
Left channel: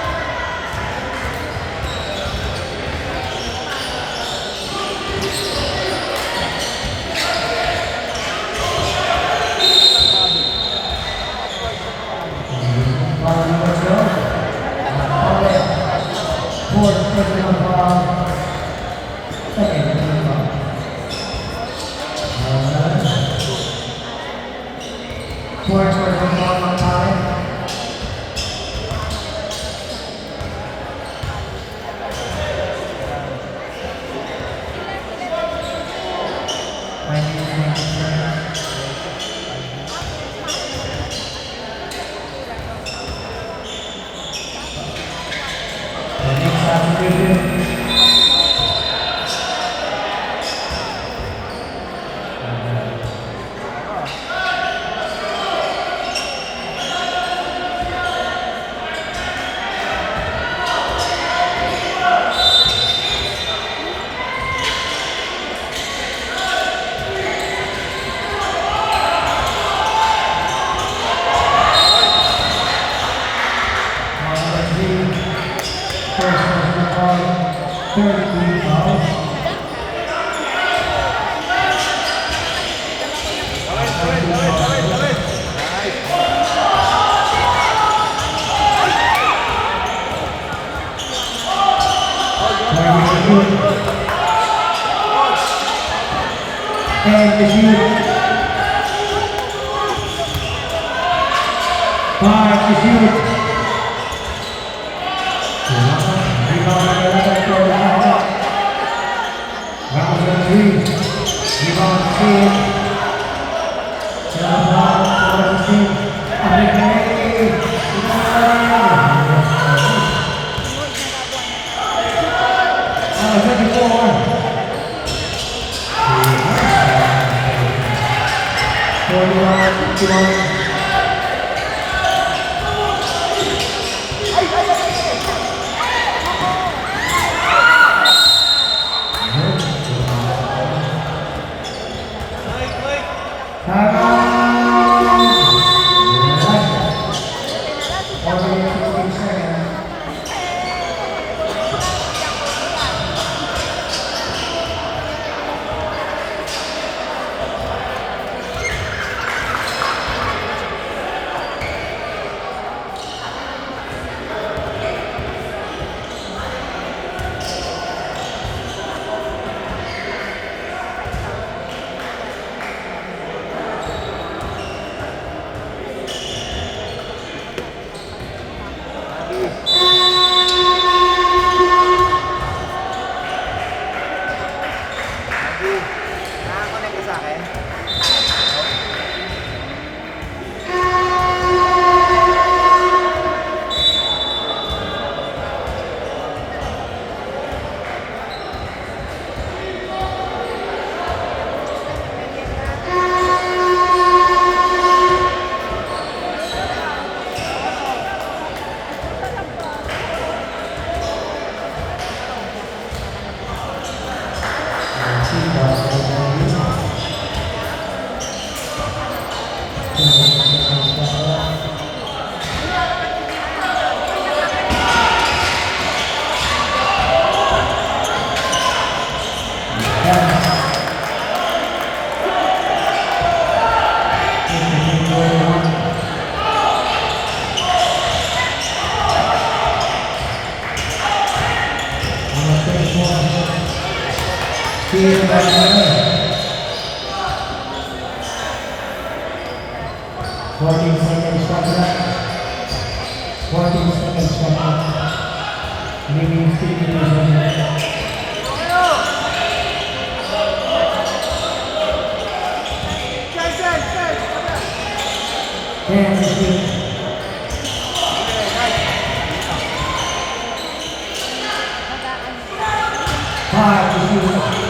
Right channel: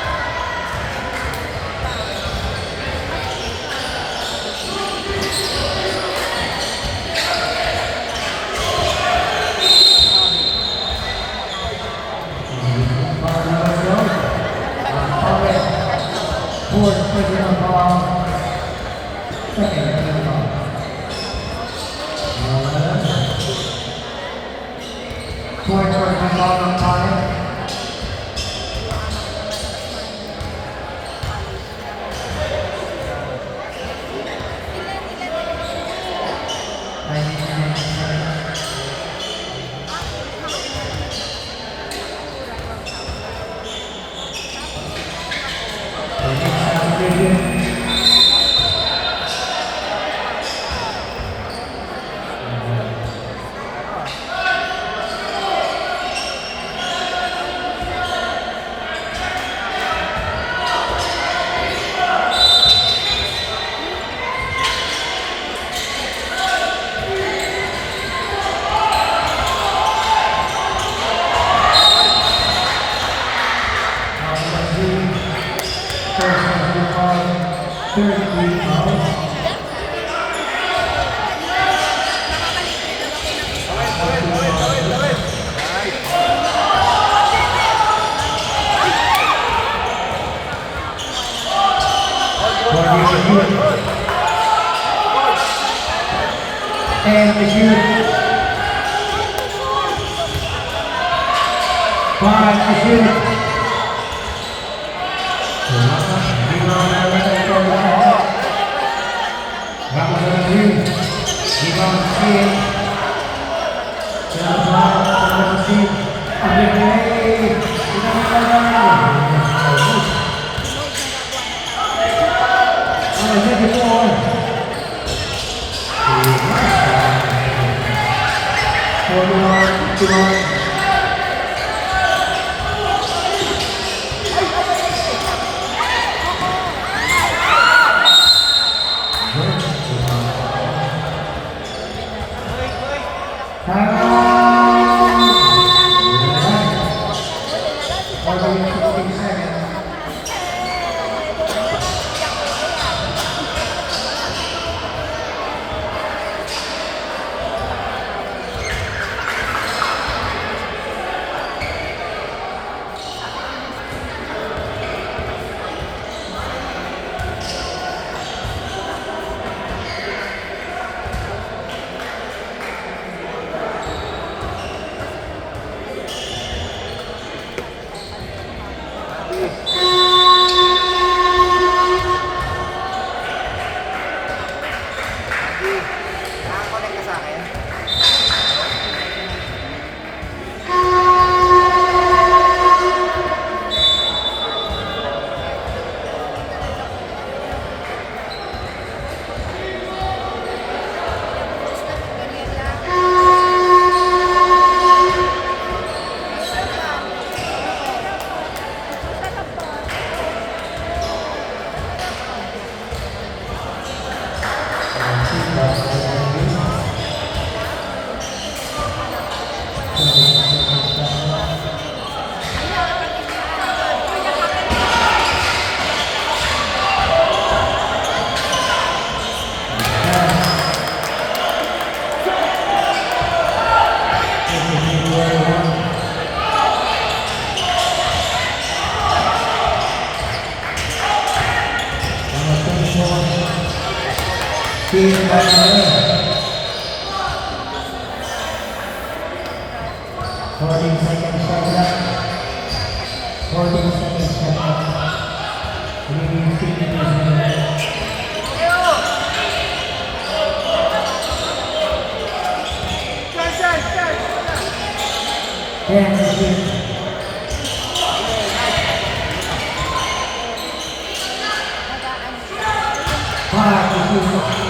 And the shoot. 5 to shoot. Rebound for Lahore. Ramadan Green. Rebound steal. Ramadan Green. Nakakonect ka sa akin? Steal by Murray. 14 seconds shot clock. 14 seconds shot clock. Remaining 52 seconds. Ten to shoot. 5 to shoot.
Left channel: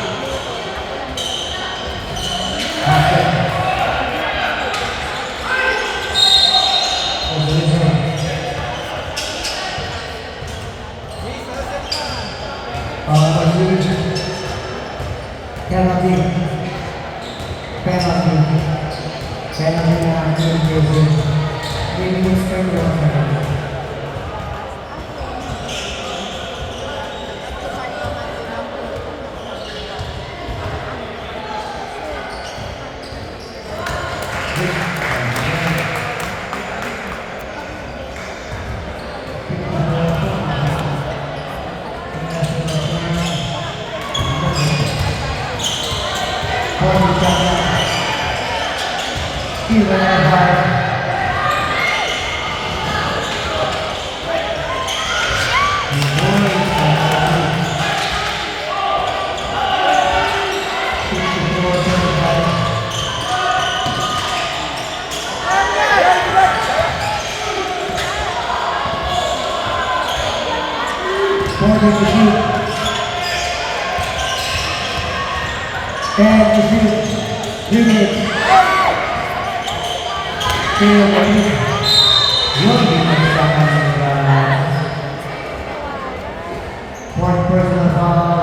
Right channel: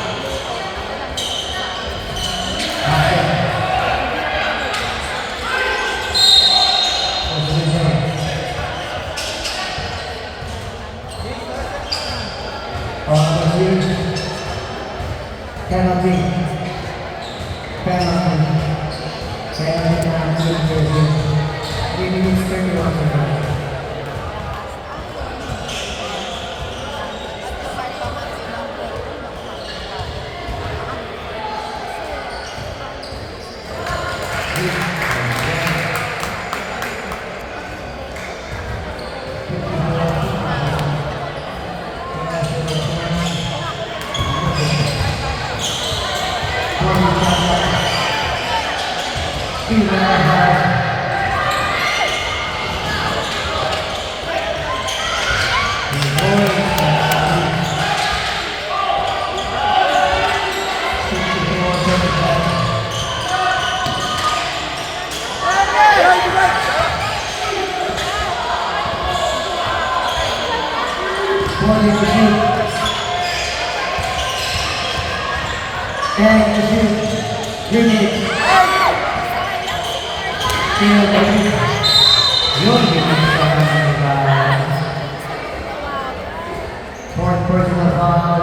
One personal foul,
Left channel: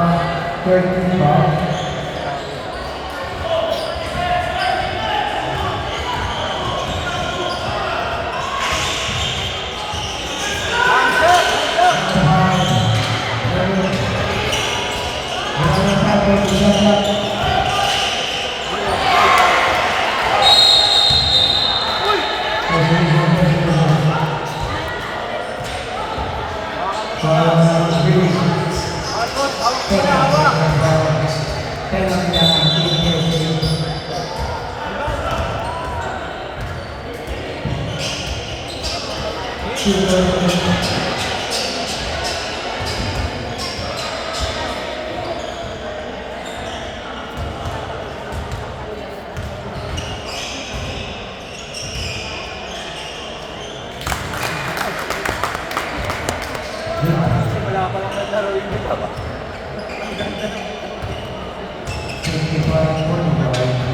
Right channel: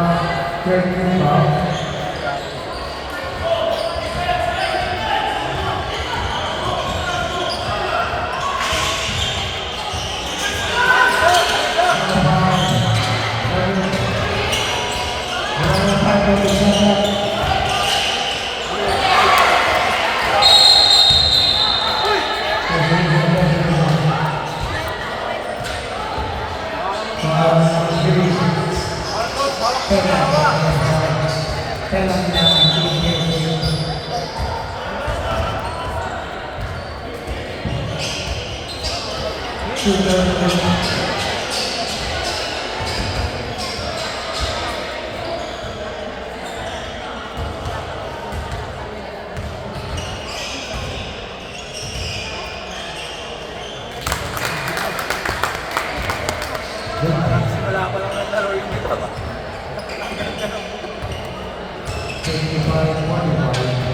13 foul. Thank you. 2:30. Wala pa lang naglaro yung dito ba? 55-45.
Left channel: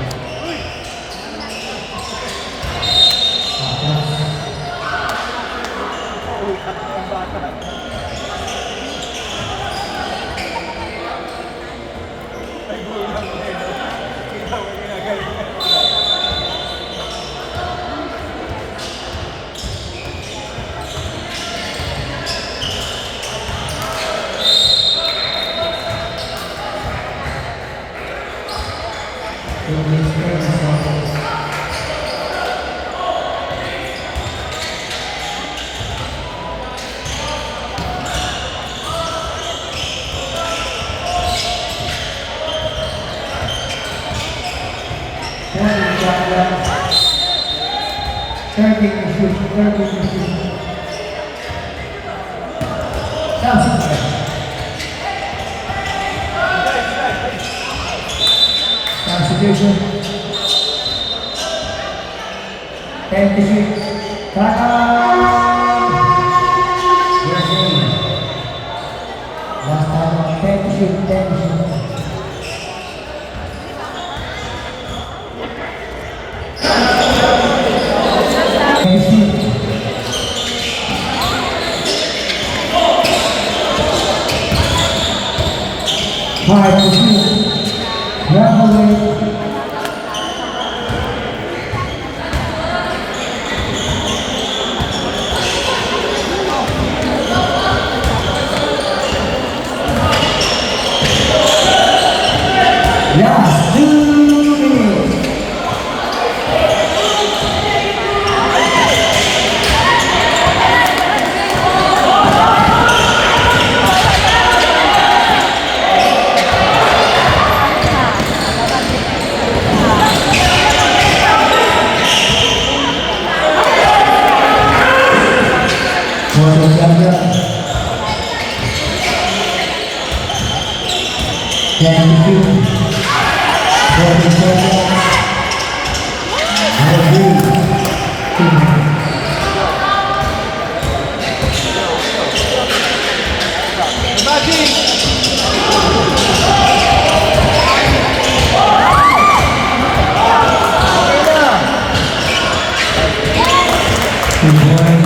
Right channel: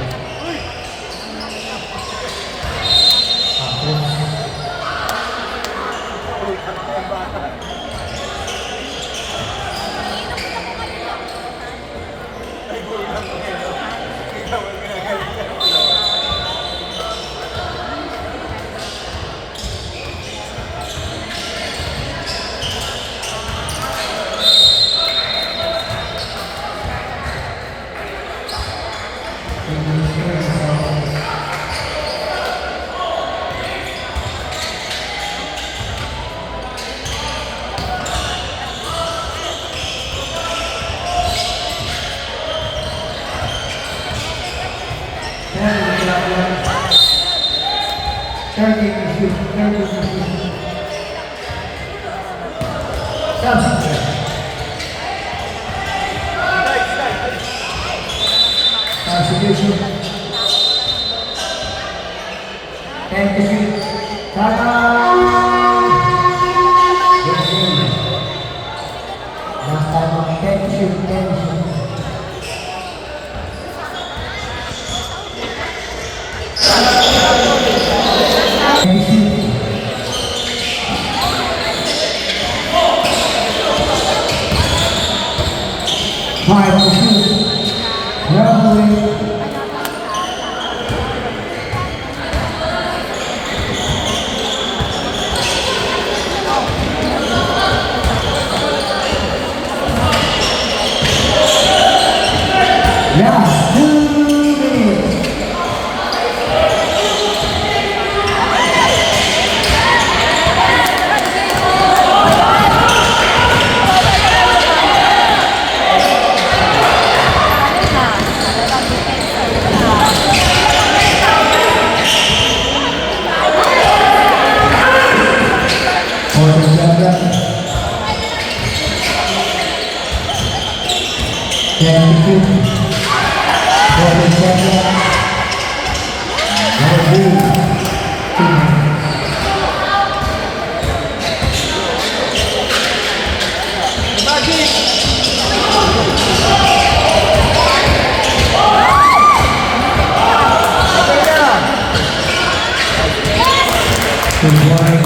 Constitution. Thank you. Last time on 10 Last 2 minutes. For the champion. 22. For the champion. Good morning.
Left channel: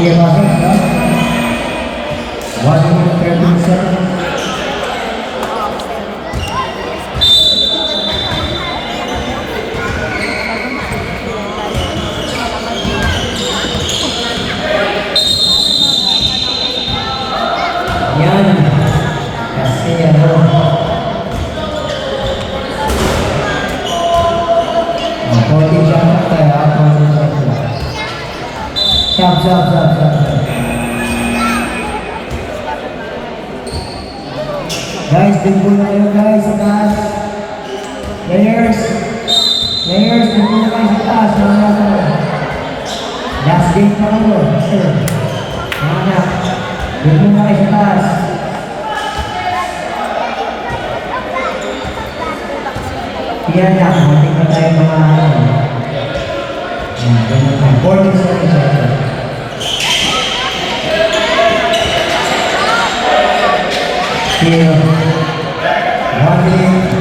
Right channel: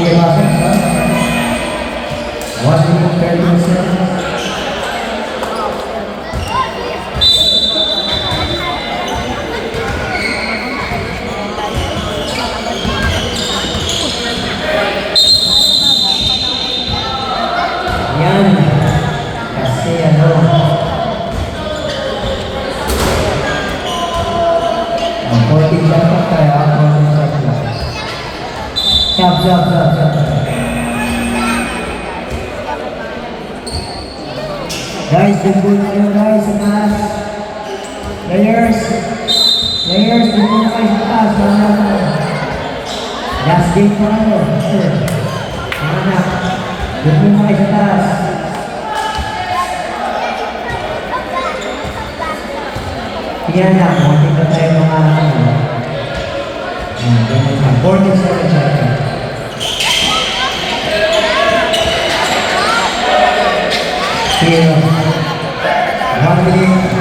Iya masuk ya. 1 minute 30 seconds. Yan. Kasi ano. Ang 40 jump na tayo. 40 jump na. Jump. Guys, dimple na kayo guys sa taas. Players, dimple na kayo sa taas. Last game pa lang mo. Sure. Mga anak, dimple na kayo sa taas. Sige anak, konting na tayo mga ano. Yan, ganyan tayo. 47 seconds. Still 1 minute.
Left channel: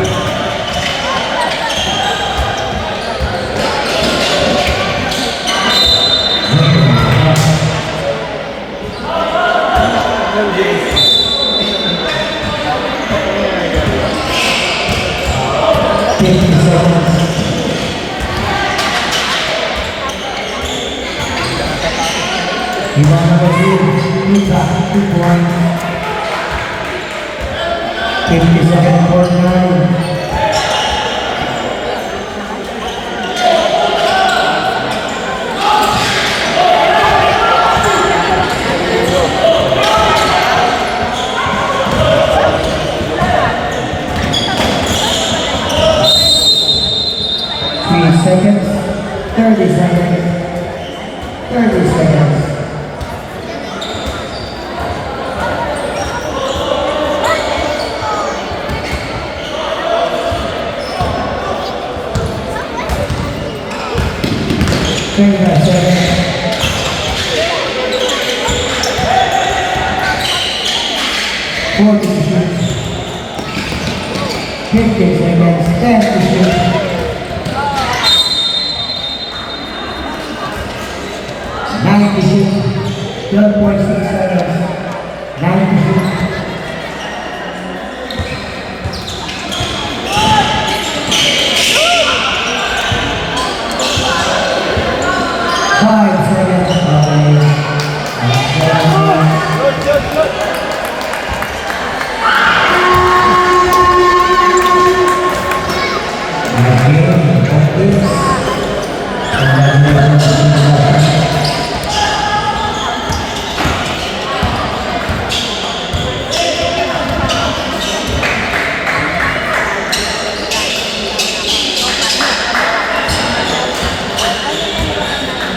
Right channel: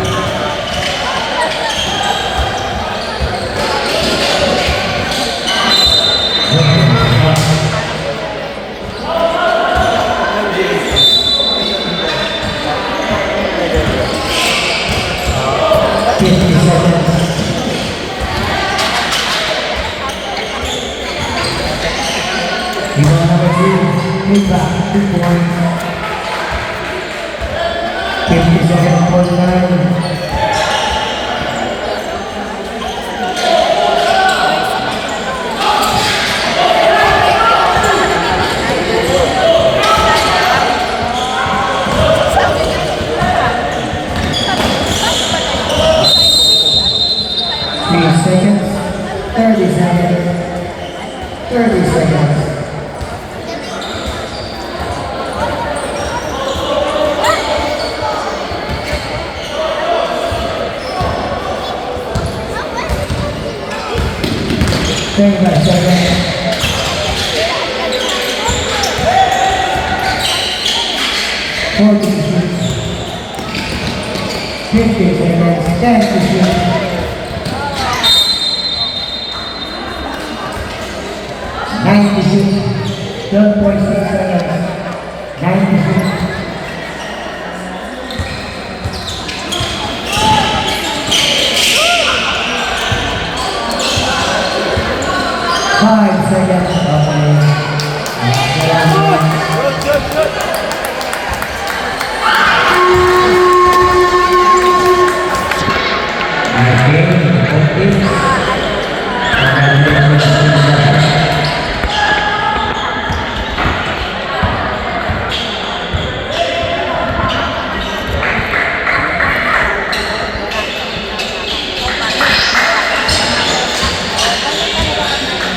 Hingga number 2, Mitra, 2 points. 57-49. seconds. 30 seconds. 30 seconds. Thirty-five seconds. 40 to shoot. 50 seconds. 10 to shoot. 9 to shoot. 12.6 seconds.